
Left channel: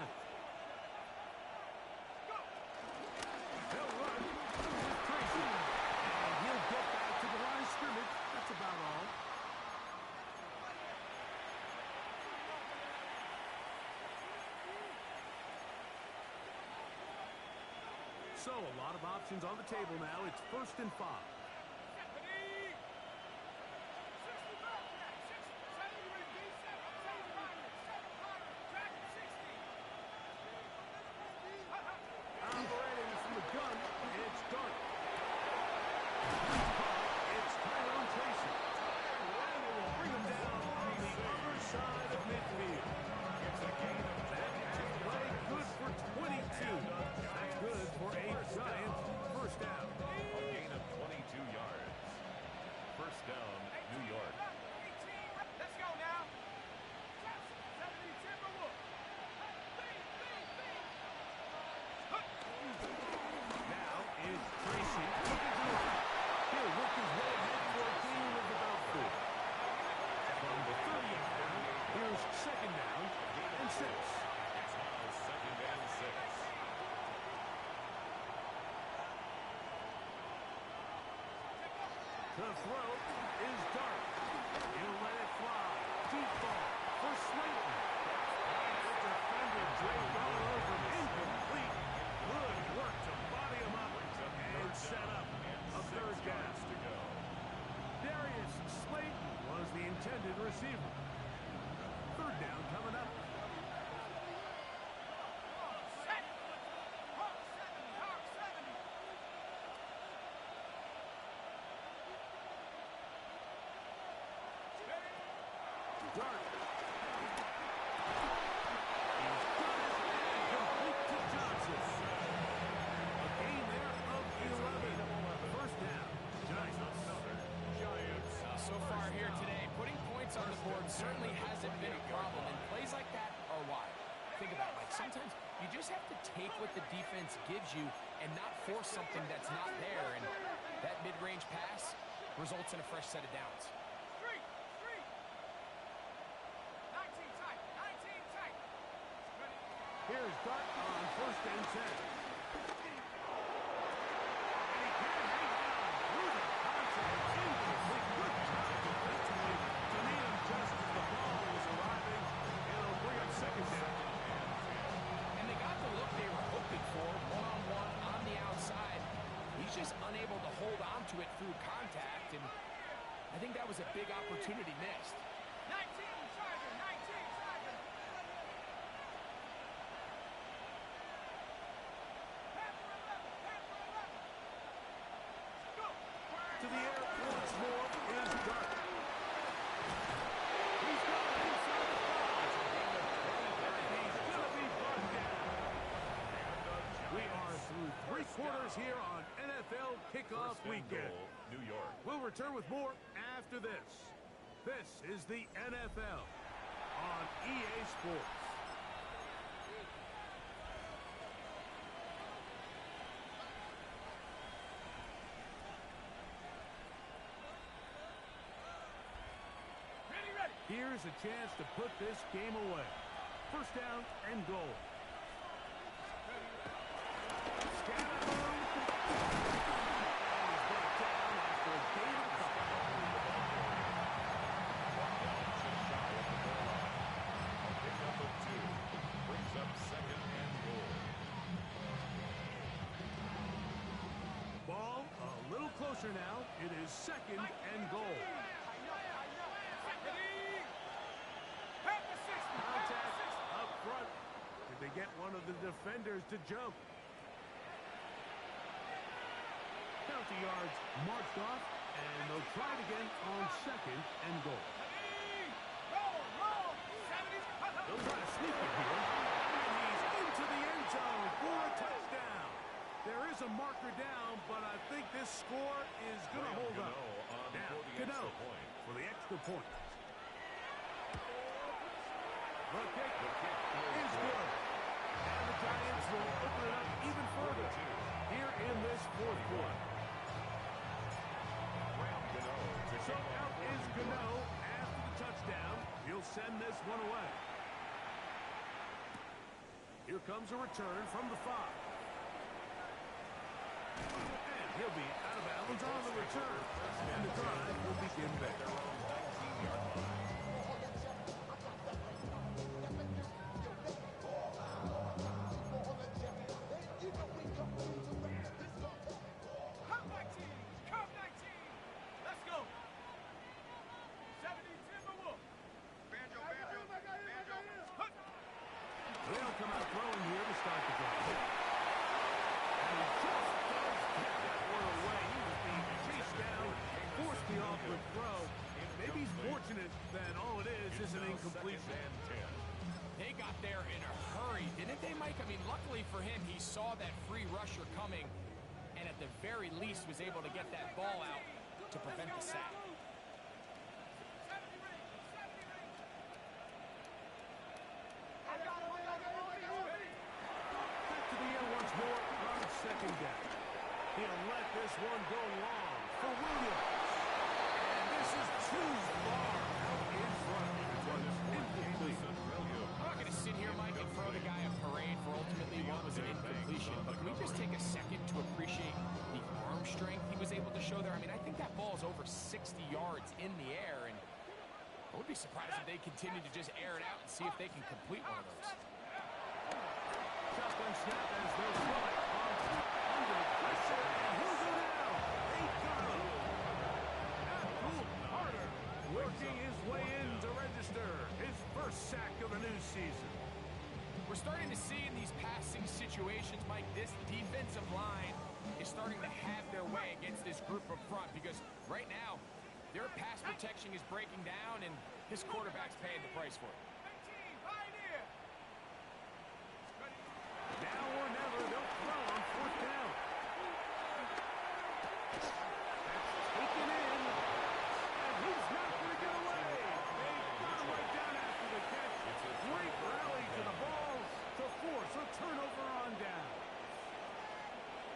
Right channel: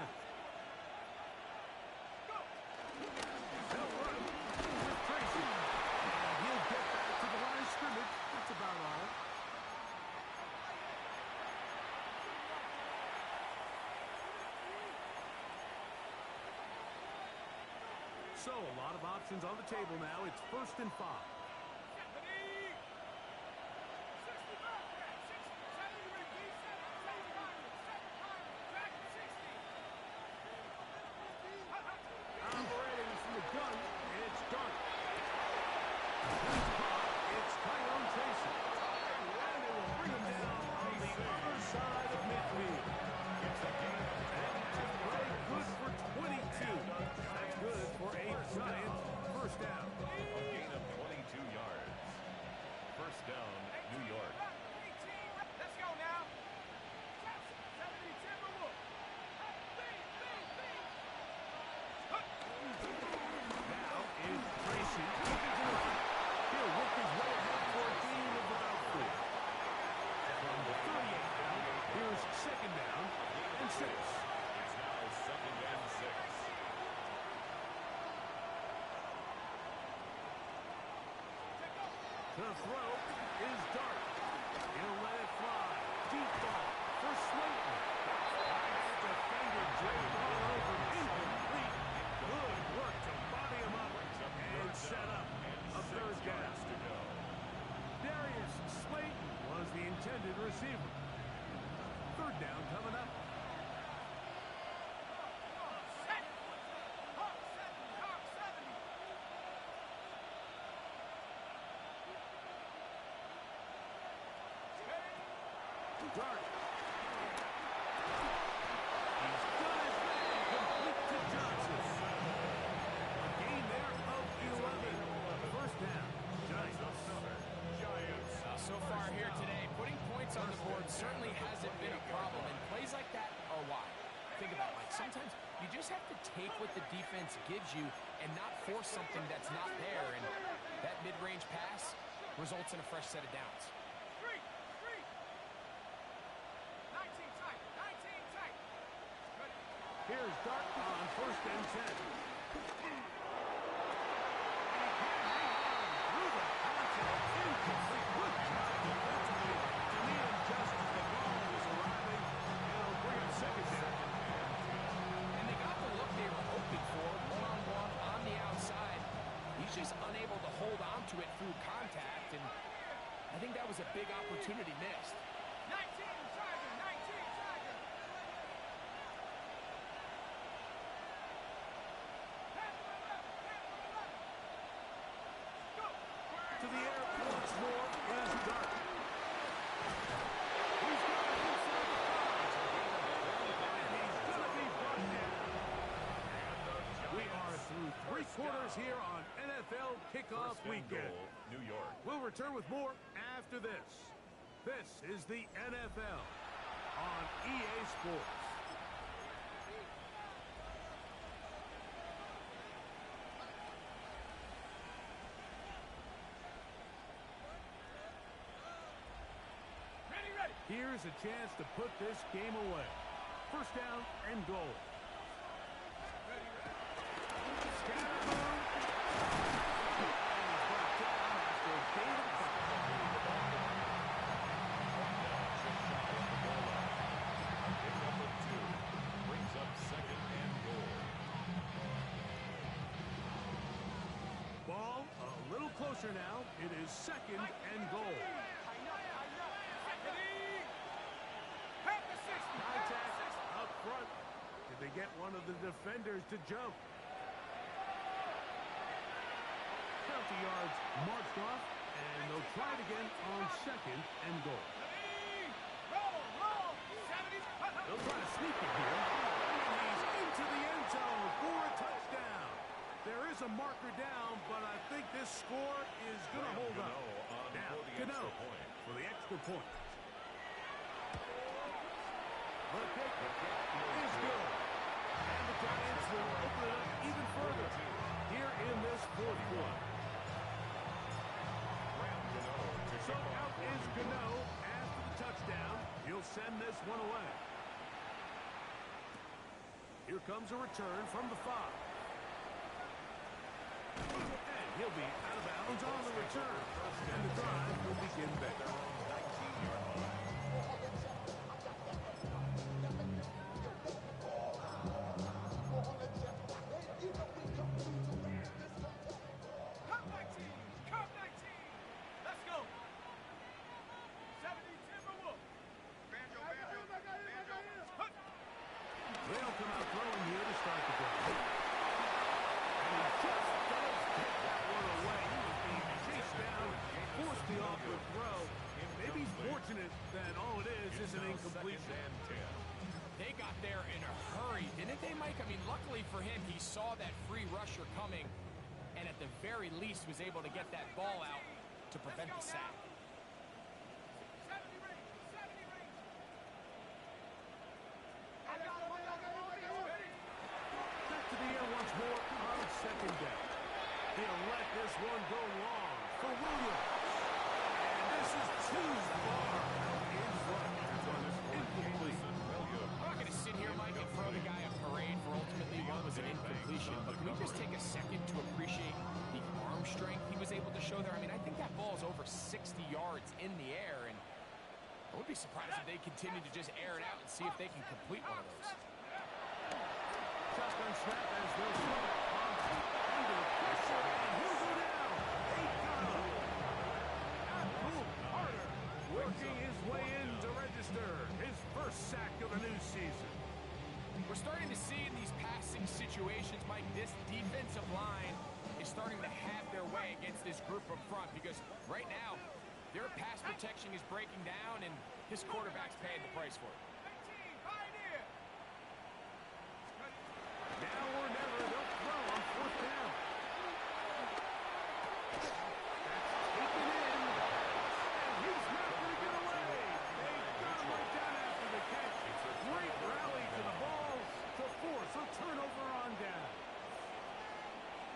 They'll run with Tracy. And he'll get back to the line of scrimmage. That's about all. So a lot of options on the table now. It's 1st and 5. Operating from the gun, it's Dark. He's caught. It's Tyrone Tracy. And it will bring him down on the other side of midfield. It's a gain of 10. That play good for 22. That's good for a giant first down. A gain of 22 yards. First down, New York. Let's go now. 70 Timberwolves. Now is Tracy looking to the right. He'll work his way ahead for a gain of about 4. From the 38 down, here's 2nd down and 6. It's now 2nd and 6. The throw is Dark. He'll let it fly. Deep ball for Slayton. The defender draped all over. Incomplete. Good work to body him up and set up a 3rd down. To go. Darius Slayton was the intended receiver. 3rd down coming up. Dark. He's got his man complete to Johnson. A gain there of 11. 1st down. Giants. So far here today, putting points on the board certainly hasn't been a problem, and plays like that are why. Think about it, Mike. Sometimes you just have to take what the defense gives you and not force something that's not there, and that mid-range pass results in a fresh set of downs. Street! 19 tight! 19 tight! Here's Dark on 1st and 10. And he can't hang on through the contact. Incomplete. Good job defensively to meet him just as the ball was arriving. It'll bring up 2nd down. And they got the look they were hoping for, one-on-one on the outside. He's just unable to hold on to it through contact, and I think that was a big opportunity missed. 19 Tiger! 19 Tiger! Panther 11! Panther 11! Go! To the air once more is Dark. He's got it inside the 5. And he's going to be brought down. We are through 3 quarters here on NFL Kickoff Weekend. New York. We'll return with more after this. This is the NFL on EA Sports. Ready! Here's a chance to put this game away. 1st down and goal. Scatterboom. And he's brought down after a gain of a couple. Brought down just shy of the goal line. A pickup of 2. Brings up 2nd and goal. Ball a little closer now. It is 2nd and goal. Contact up front. Did they get one of the defenders to jump? Count the yards marched off, and they'll try it again on 2nd and goal. Roll! 70s! They'll try to sneak it here. marker down, but I think this score is going to hold up. Now, Gano for the extra point. The kick is good. And the Giants will open it up even further here in this fourth quarter. So out is Gano after the touchdown. He'll send this one away. Here comes a return from the 5. And he'll be out of bounds on the return. And the drive will begin back. Their own 19-yard line. Come 19! Come 19! Let's go! 70 Timberwolf! Banjo, banjo, banjo! Hut! They'll come out throwing here to start the drive. And he just does get that one away. He was being chased down, forced the awkward throw. Maybe he's fortunate that all it is an incompletion. They got there in a hurry, didn't they, Mike? I mean, luckily for him, he saw that free rusher coming and at the very least was able to get that ball out to prevent the sack. 70 range! 70 range! Back to the air once more on second down. He'll let this one go long for Williams. And this is too far out in front. This one is incomplete. I'm not going to sit here, Mike, and throw the guy a parade for ultimately what was an incompletion, but can we just take a second to appreciate the arm strength he was able to show there? I mean, I think that ball is over 60 yards in the air, and I would be surprised if they continue to just air it out and see if they can complete one of those. Shotgun snap as they'll throw it on under pressure, and he'll go down. They got him. Abdul Carter working his way in to register his first sack of the new season. We're starting to see in these passing situations, Mike, this defensive line is starting to have their way against this group up front because right now their pass protection is breaking down and his quarterback's paying the price for it. 19! Pioneer! Now or never, they'll throw on fourth down. That's taken in, and he's not going to get away. They got him right down after the catch. Great rally to the ball to force a turnover on down.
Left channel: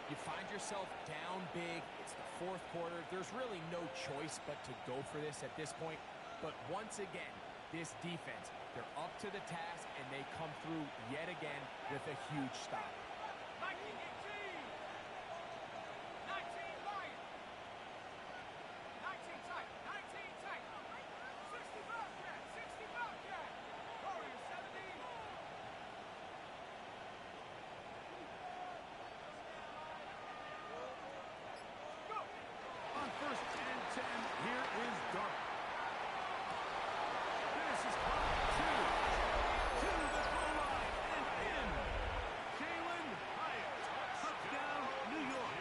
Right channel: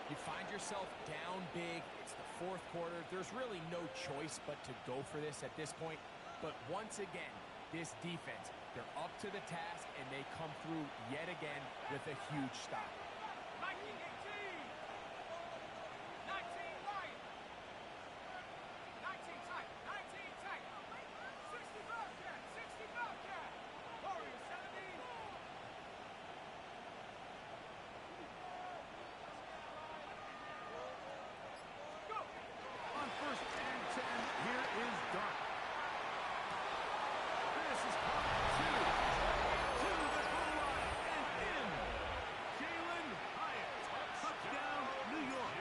You find yourself down big. It's the fourth quarter. There's really no choice but to go for this at this point. But once again, this defense, they're up to the task, and they come through yet again with a huge stop. 19, 18! 19, Lion! 19 tight! 19 tight! 60 Bobcat! 60 Bobcat! Warrior 70! Go! On first and 10, here is Dart. This is caught two. To the goal line and in. Jalen Hyatt. Touchdown, New York.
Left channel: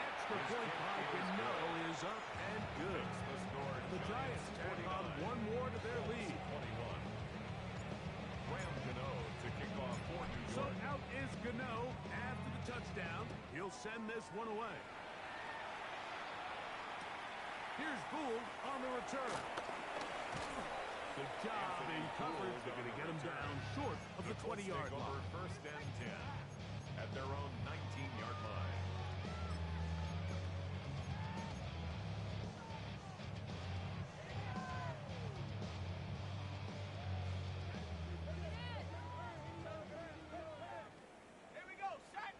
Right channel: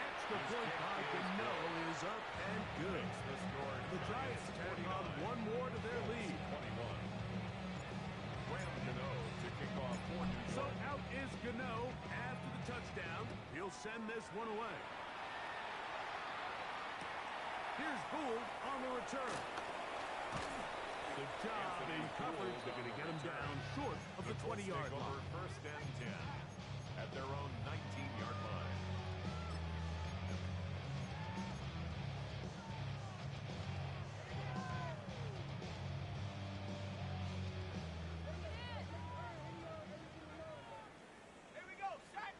Extra point by Gano is up and good. The Giants tack on one more to their lead. 21. Graham Gano to kick off for New So York. out is Gano after the touchdown. He'll send this one away. Here's Gould on the return. Good job in coverage. They're going to get him down short of the 20-yard line. First and 10 at their own 19-yard line. Here we go! Set!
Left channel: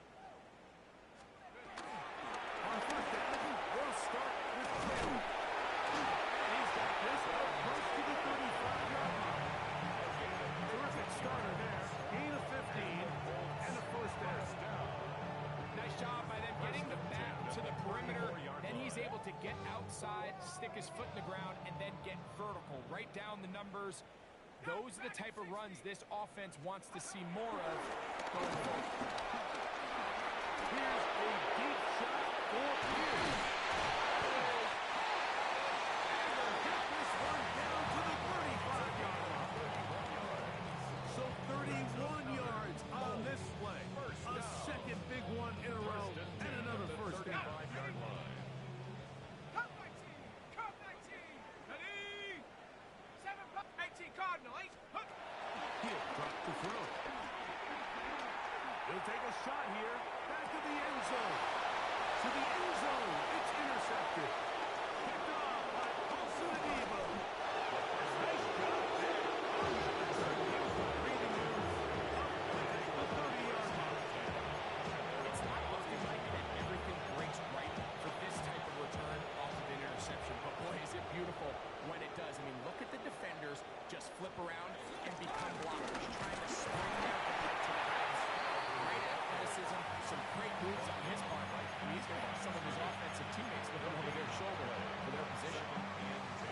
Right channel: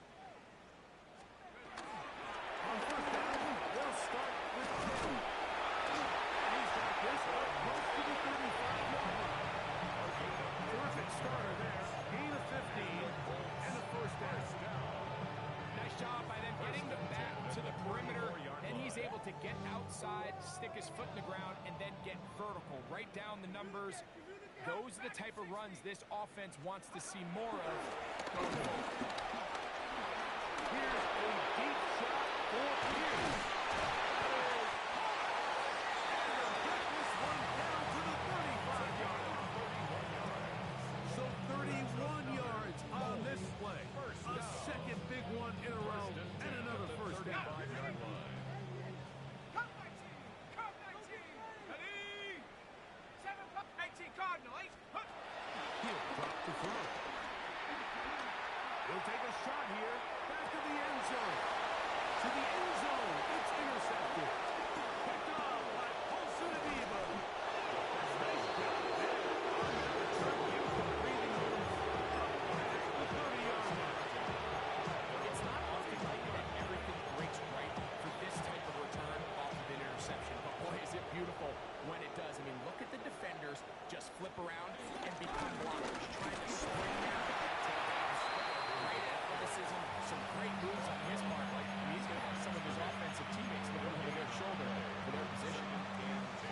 On first down, they'll start with Taylor. And he's got this up close to the 35-yard line. Terrific starter there. Gain of 15 and a first down. Nice job by them getting the back to the perimeter. Then he's able to get outside, stick his foot in the ground, and then get vertical. Right down the numbers. Those are the type of runs this offense wants to see more of going forward. Here's a deep shot for Pierce. And they'll get this one down to the 35-yard line. 31 yards. So 31 yards Colts on this play. A second big one in a row and another first down. 35-yard line. Come 19. Come 19. Ready? 18 Cardinal. 8. He'll drop the throw. He'll take a shot here. Back to the end zone. To the end zone. It's intercepted. Picked off by Colson Adiba. Nice job there. On that return, gives the breathing room up past the 30-yard line. It's not often, Mike, that everything breaks right for this type of return off of an interception. But boy, is it beautiful when it does. I mean, look at the defenders just flip around and become blockers, trying to spring their guy to the house. Great athleticism, some great moves on his part. Like, I mean, he's going to have some of his offensive teammates looking over their shoulder for their position.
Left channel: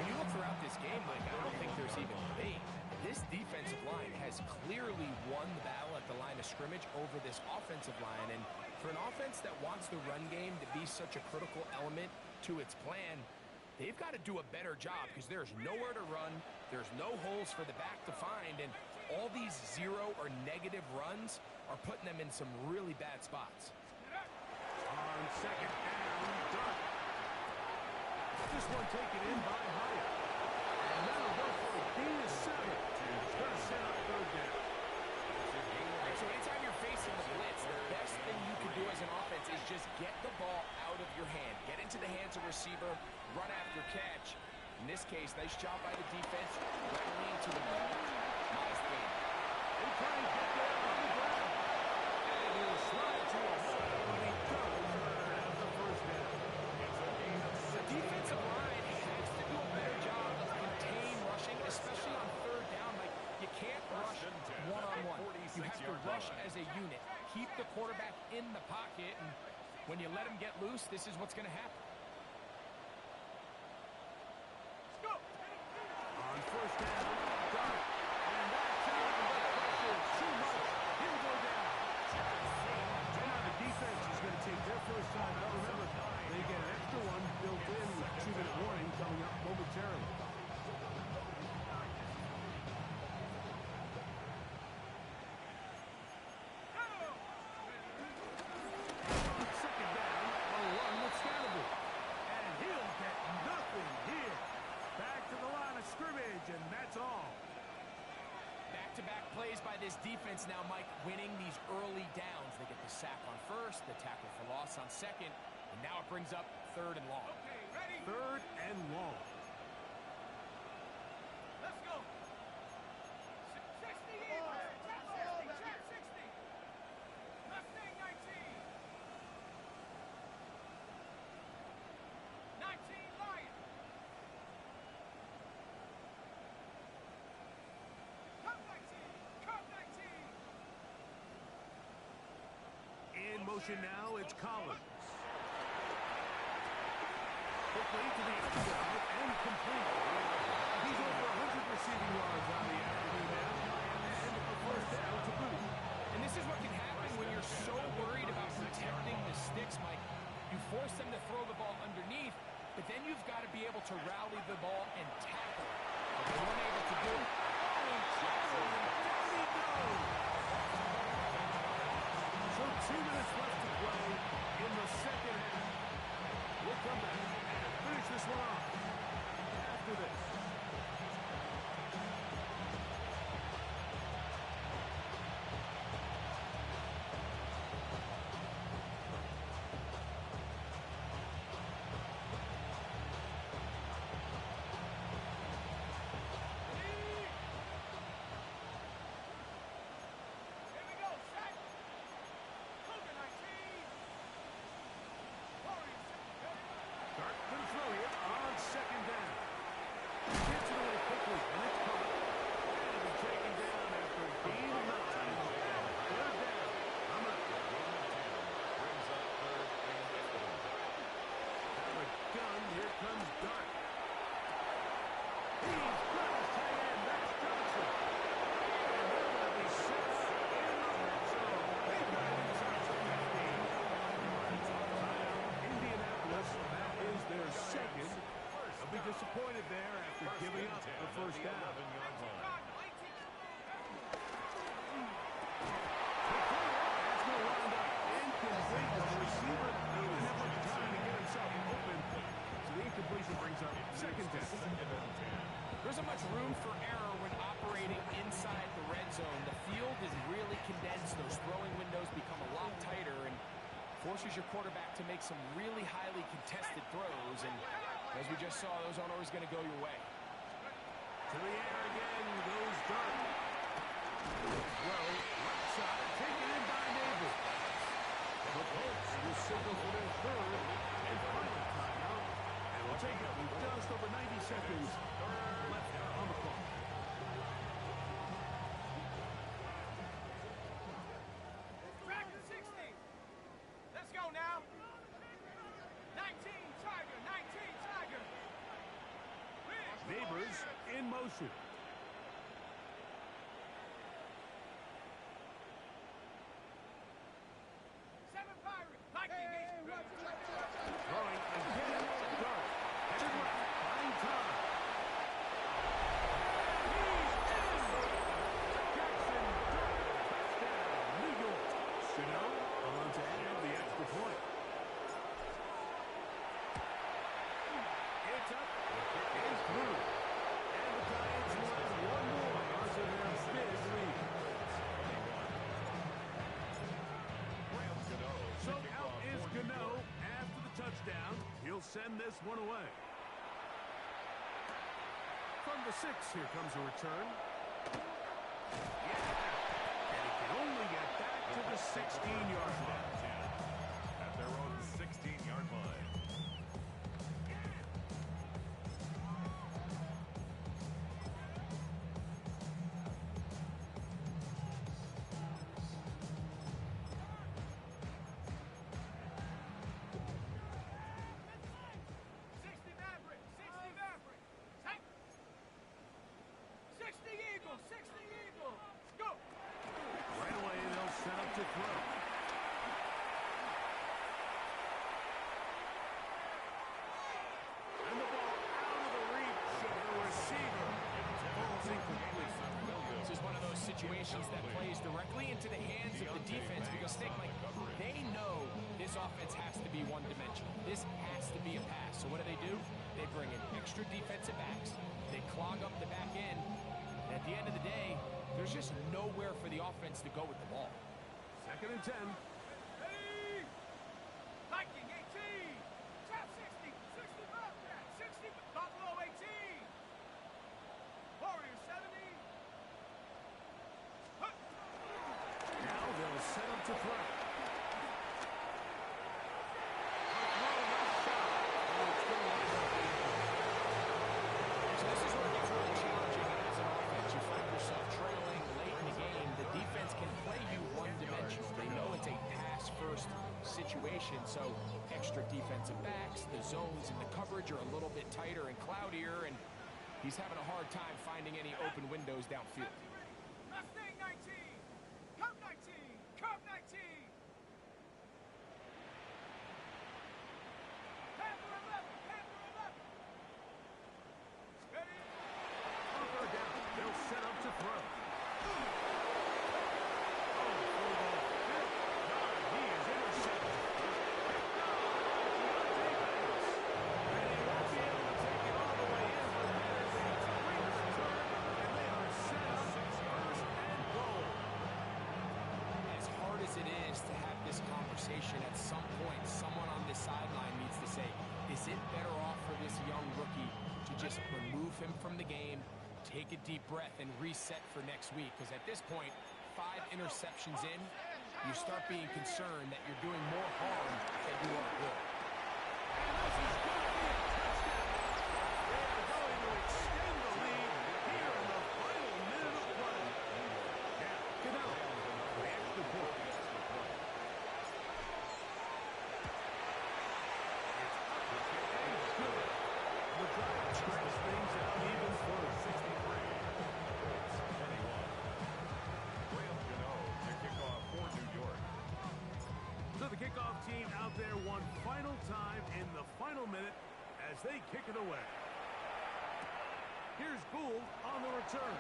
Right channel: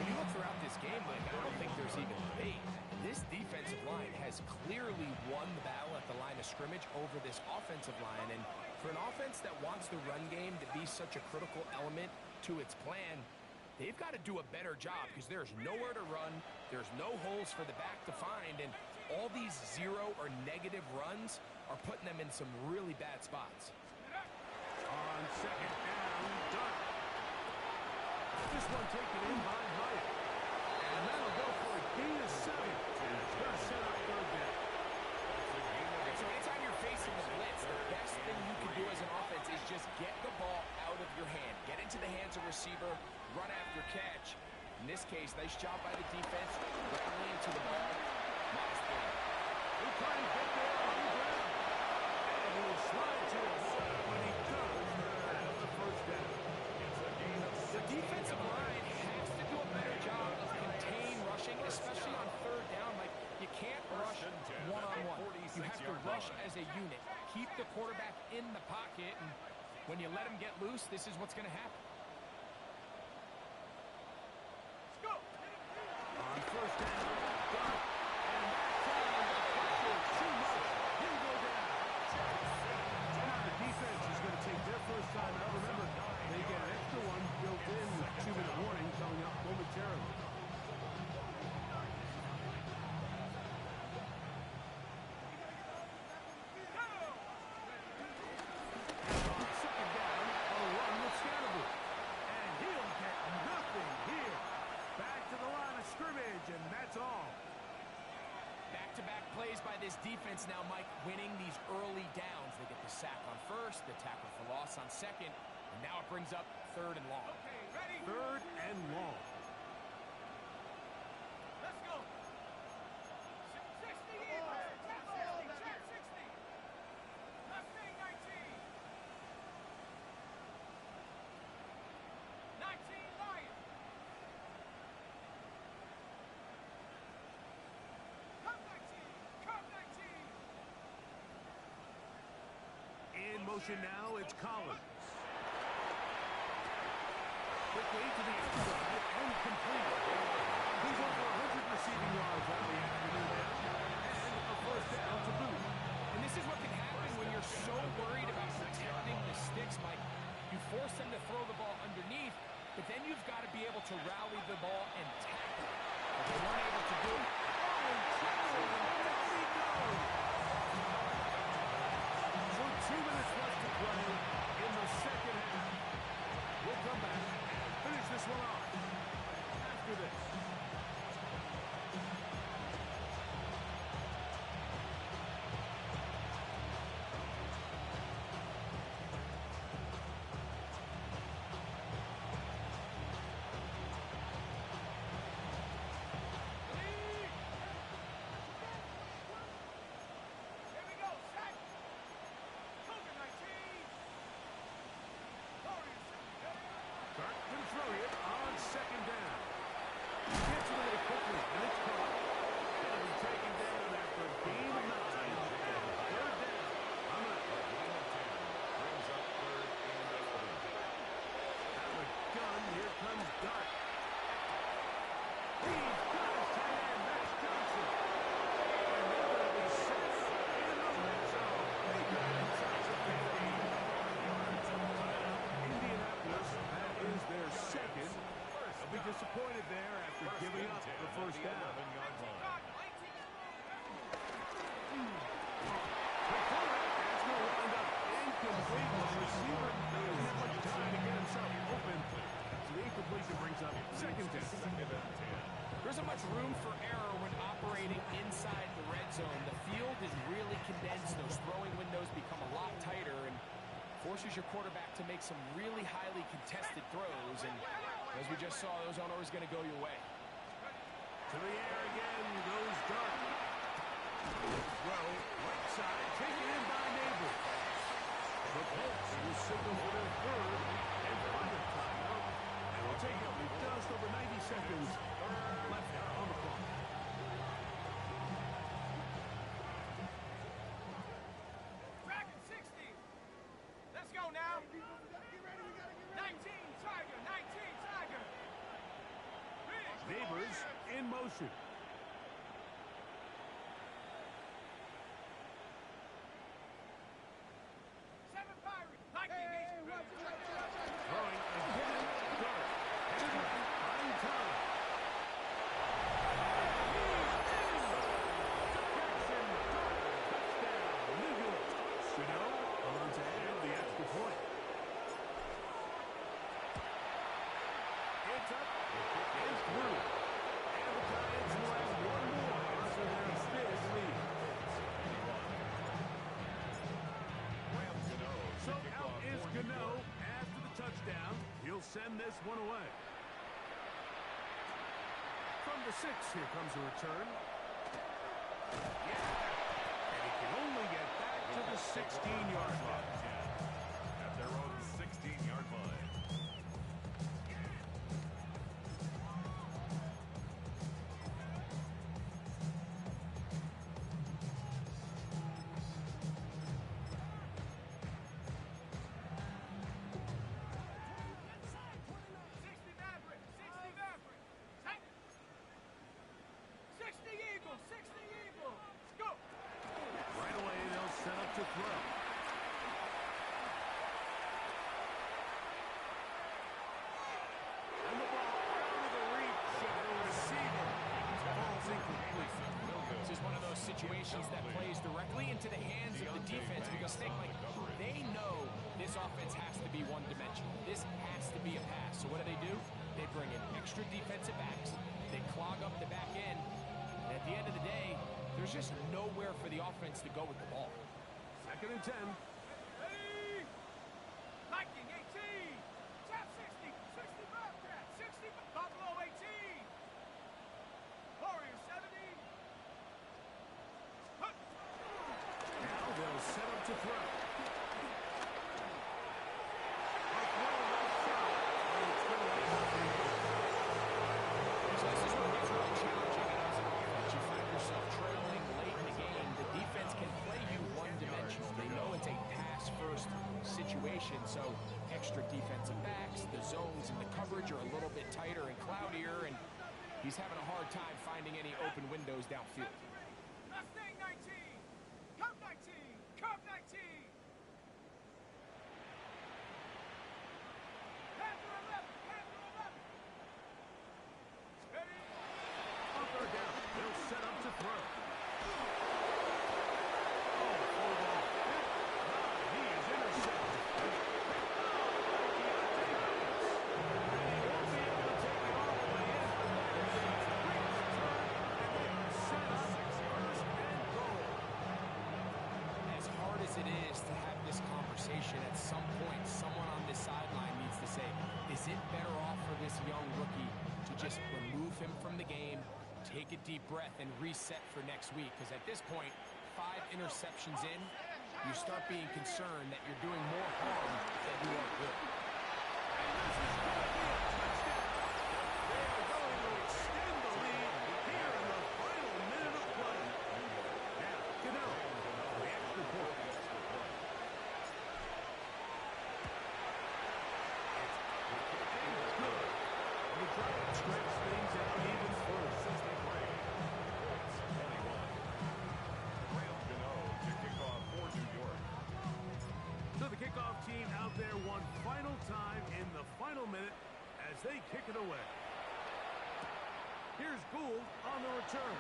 When you look throughout this game, Mike, I don't think there's even debate. This defensive line has clearly won the battle at the line of scrimmage over this offensive line. And for an offense that wants the run game to be such a critical element to its plan, they've got to do a better job because there's nowhere to run. There's no holes for the back to find. And all these zero or negative runs are putting them in some really bad spots. On second down, Dart. This one taken in by Hyatt. And that'll go for a gain of 7. It's going to set up third down. Right, so anytime you're facing the blitz, the best thing you can do as an offense is just get the ball out of your hand. Get into the hands of receiver, run after catch. In this case, nice job by the defense, rattling into the ball. Modest gain. He'll try and get there on the ground. And he'll slide to a halt, but he does have the first down. It's a gain of 6. The defensive line has to do a better job of contain rushing, especially on third down. Like, you can't rush one-on-one. You have to rush as a unit. Keep the quarterback in the pocket, and when you let him get loose, this is what's going to happen. On first down, Dart. And that time, the pressure's too much. He'll go down. Now the defense is going to take their first time out. Remember, they get an extra one built in with 2-minute warning coming up momentarily. On second down, a run with Scatterboot. And he'll get nothing here. Back to the line of scrimmage, and that's all. Back-to-back plays by this defense now, Mike, winning these early downs. They get the sack on first, the tackle for loss on second, and now it brings up third and long. Okay, ready? Third and long. Let's go. 60 Eagles. Check 60. Check 60. Mustang 19. 19 Lion. Come 19. Come 19. In motion now, it's Collins. Quickly to the outside and complete. He's over 100 receiving yards on the afternoon now. And a first down to boot. And this is what can happen when you're so worried about protecting the sticks, Mike. You force them to throw the ball underneath, but then you've got to be able to rally the ball and tackle it. But they weren't able to do it. Oh, incredible! And down he goes! So 2 minutes left to play in the second half. We'll come back and finish this one off after this. Here we go. Set. Cougar 19. Warriors. Dart can throw here on second down. Gets it away quickly, and it's caught. And it'll be taken down after a gain of 9. Third down. I'm up. A gain of 10 brings up third and 11. Out of the gun, here comes Dart. He's got his tight end. That's Johnson. And they're going to be set up in the red zone. They got it inside the 15. Timeout, Indianapolis. That is their second. They'll be disappointed there after giving up the first down. 11-yard line. Cardinal 18. receiver didn't have much time to get himself open, so the incompletion brings up second down. There isn't much room for error when operating inside the red zone. The field is really condensed. Those throwing windows become a lot tighter and forces your quarterback to make some really highly contested throws. And as we just saw, those aren't always going to go your way. To the air again goes Dart. Throw, right side, taken in by Neighbor. The Colts will signal for their third and final timeout. And we'll take it with just over 90 seconds left on the clock. Dragon 60. Let's go now. 19 Tiger, 19 Tiger. Neighbors in motion. Seven Pirate. Lightning. Throwing again, Dart. Headed left, buying time. He's in! To Jackson, Dart, touchdown, New York. Gano on to add the extra point. It's up and through. And the Giants will add one more onto their big lead. So out is Gano after the touchdown. He'll send this one away. From the 6, here comes a return. Yeah. And he can only get back to the 16-yard line. At their own 16-yard line. To throw. And the ball out of the reach of the receiver. Ball's incomplete. This is one of those situations that plays directly into the hands of the defense because they know this offense has to be one-dimensional. This has to be a pass. So what do? They bring in extra defensive backs. They clog up the back end. And at the end of the day, there's just nowhere for the offense to go with the ball. Second and 10. Hey! Lightning 18. Tap 60. 60 Bobcat. 60 Buffalo 18. Warriors 70. Now they'll set up to throw. A throw left side. Oh, it's going to wind up being good. So this is where it gets really challenging as an offense. You find yourself trailing late in the game. The defense can play you one-dimensional. They know it's a pass-first situation, so extra defensive backs, the zones and the coverage are a little bit tighter and cloudier, and he's having a hard time finding any open windows downfield. Mustang 19. Cub 19. Cub 19. Panther 11. Panther 11. Ready? On third down, they'll set up to throw. Oh, for the fifth time, he is intercepted. Picked off by Deontay Banks. And he won't be able to take it all the way in, but that is a great return, and they are set up first and goal. As hard as it is to have this conversation, at some point, someone on this sideline needs to say, is it better off for this young rookie to just remove him from the game, take a deep breath, and reset for next week? Because at this point, 5 interceptions in, you start being concerned that you're doing more harm than you are good. And this is going to be a touchdown. They are going to extend the lead here in the final minute of play. Now, Gano, the extra point. It's up and it's good. The Giants stretch things out even further. 63. Colts 21. Graham Gano to kick off for New York. So the kickoff team out there one final time in the final minute as they kick it away. Here's Gould on the return.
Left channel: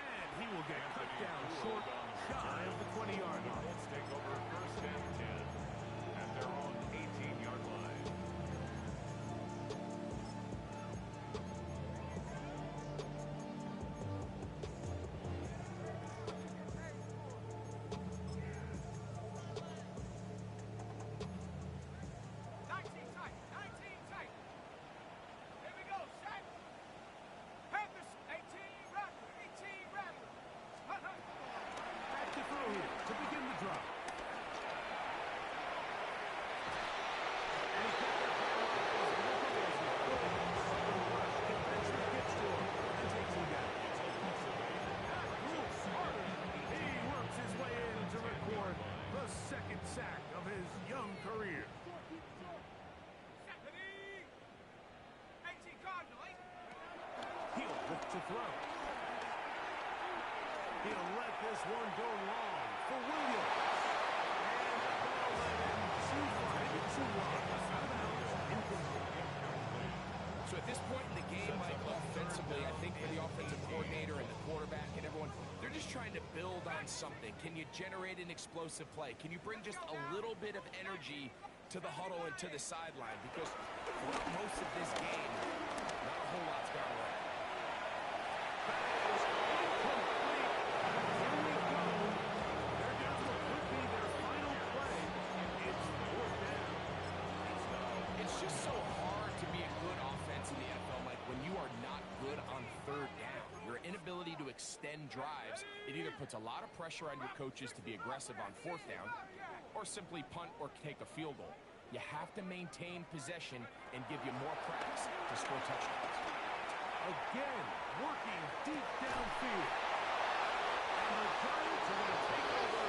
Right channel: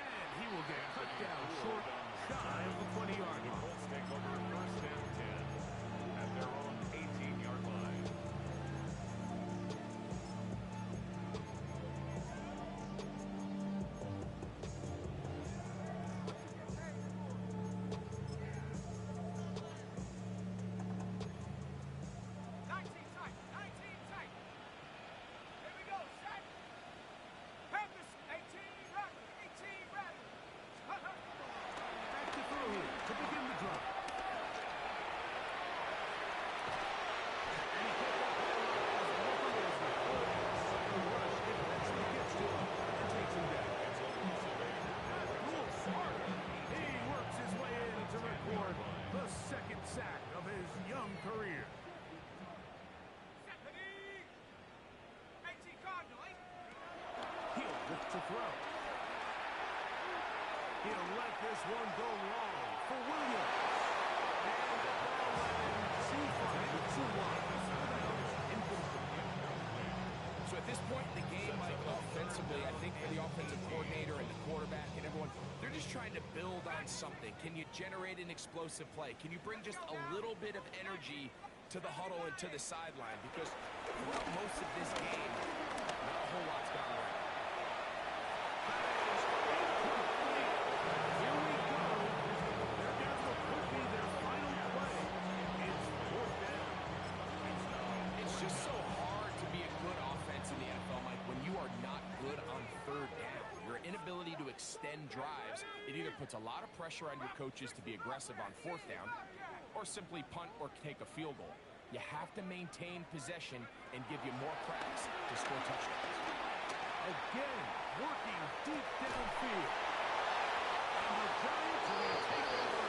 And he will get cut down short, shy of the 20-yard The line. Colts take over first and 10. career. Stephanie! 18 Cardinal, eh? He'll look to throw. He'll let this one go long for Williams. And the ball let him too far, maybe too wide. Out of bounds, incomplete. So at this point in the game, Mike, offensively, I think for the offensive coordinator and the quarterback and everyone, they're just trying to build on something. Can you generate an explosive play? Can you bring just a little bit of energy to the huddle and to the sideline? Because throughout most of this game, not a whole lot's gone right. That is incomplete. Here we go. They're down to what could be their final play. It's fourth down. It's just so hard to be a good offense in the NFL, Mike, when you are not good on third down. Your inability to extend drives, it either puts a lot of pressure on your coaches to be aggressive on fourth down or simply punt or take a field goal. You have to maintain possession and give you more cracks to score touchdowns. Again, working deep downfield. And the Giants are going to take over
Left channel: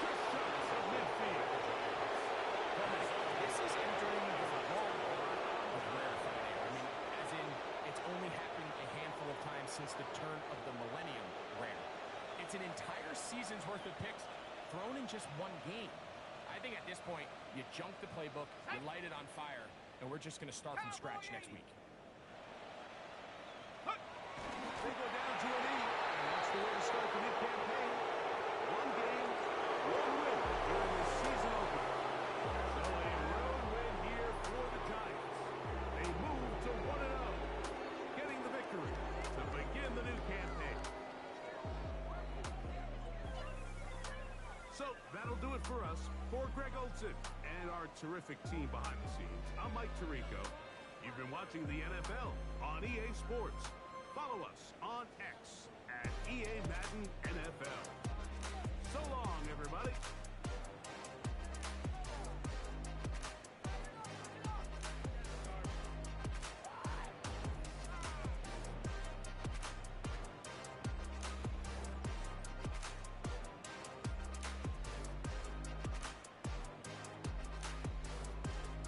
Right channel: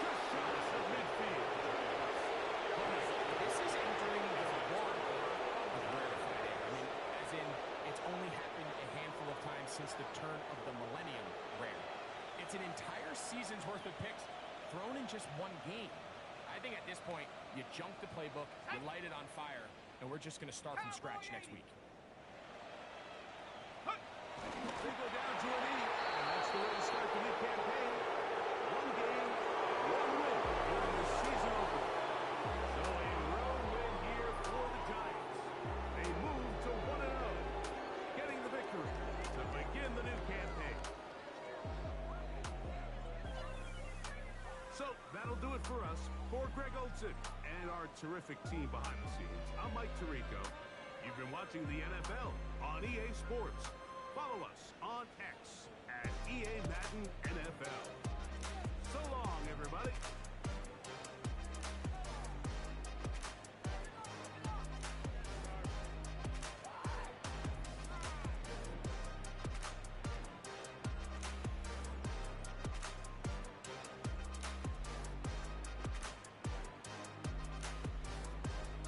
just shy of midfield. Well, Mike, this is entering the wrong part of rarefied air. I mean, as in, it's only happened a handful of times since the turn of the millennium rare. It's an entire season's worth of picks thrown in just one game. I think at this point, you junk the playbook, you light it on fire, and we're just going to start from scratch next week. They go down to an E, and that's the way to start the new campaign. One game, one win during this season opener. So a road win here for the Giants. They move to 1-0, getting the victory to begin the new campaign. So that'll do it for us. For Greg Olson and our terrific team behind the scenes, I'm Mike Tirico. You've been watching the NFL on EA Sports. Follow us on X at EA Madden NFL.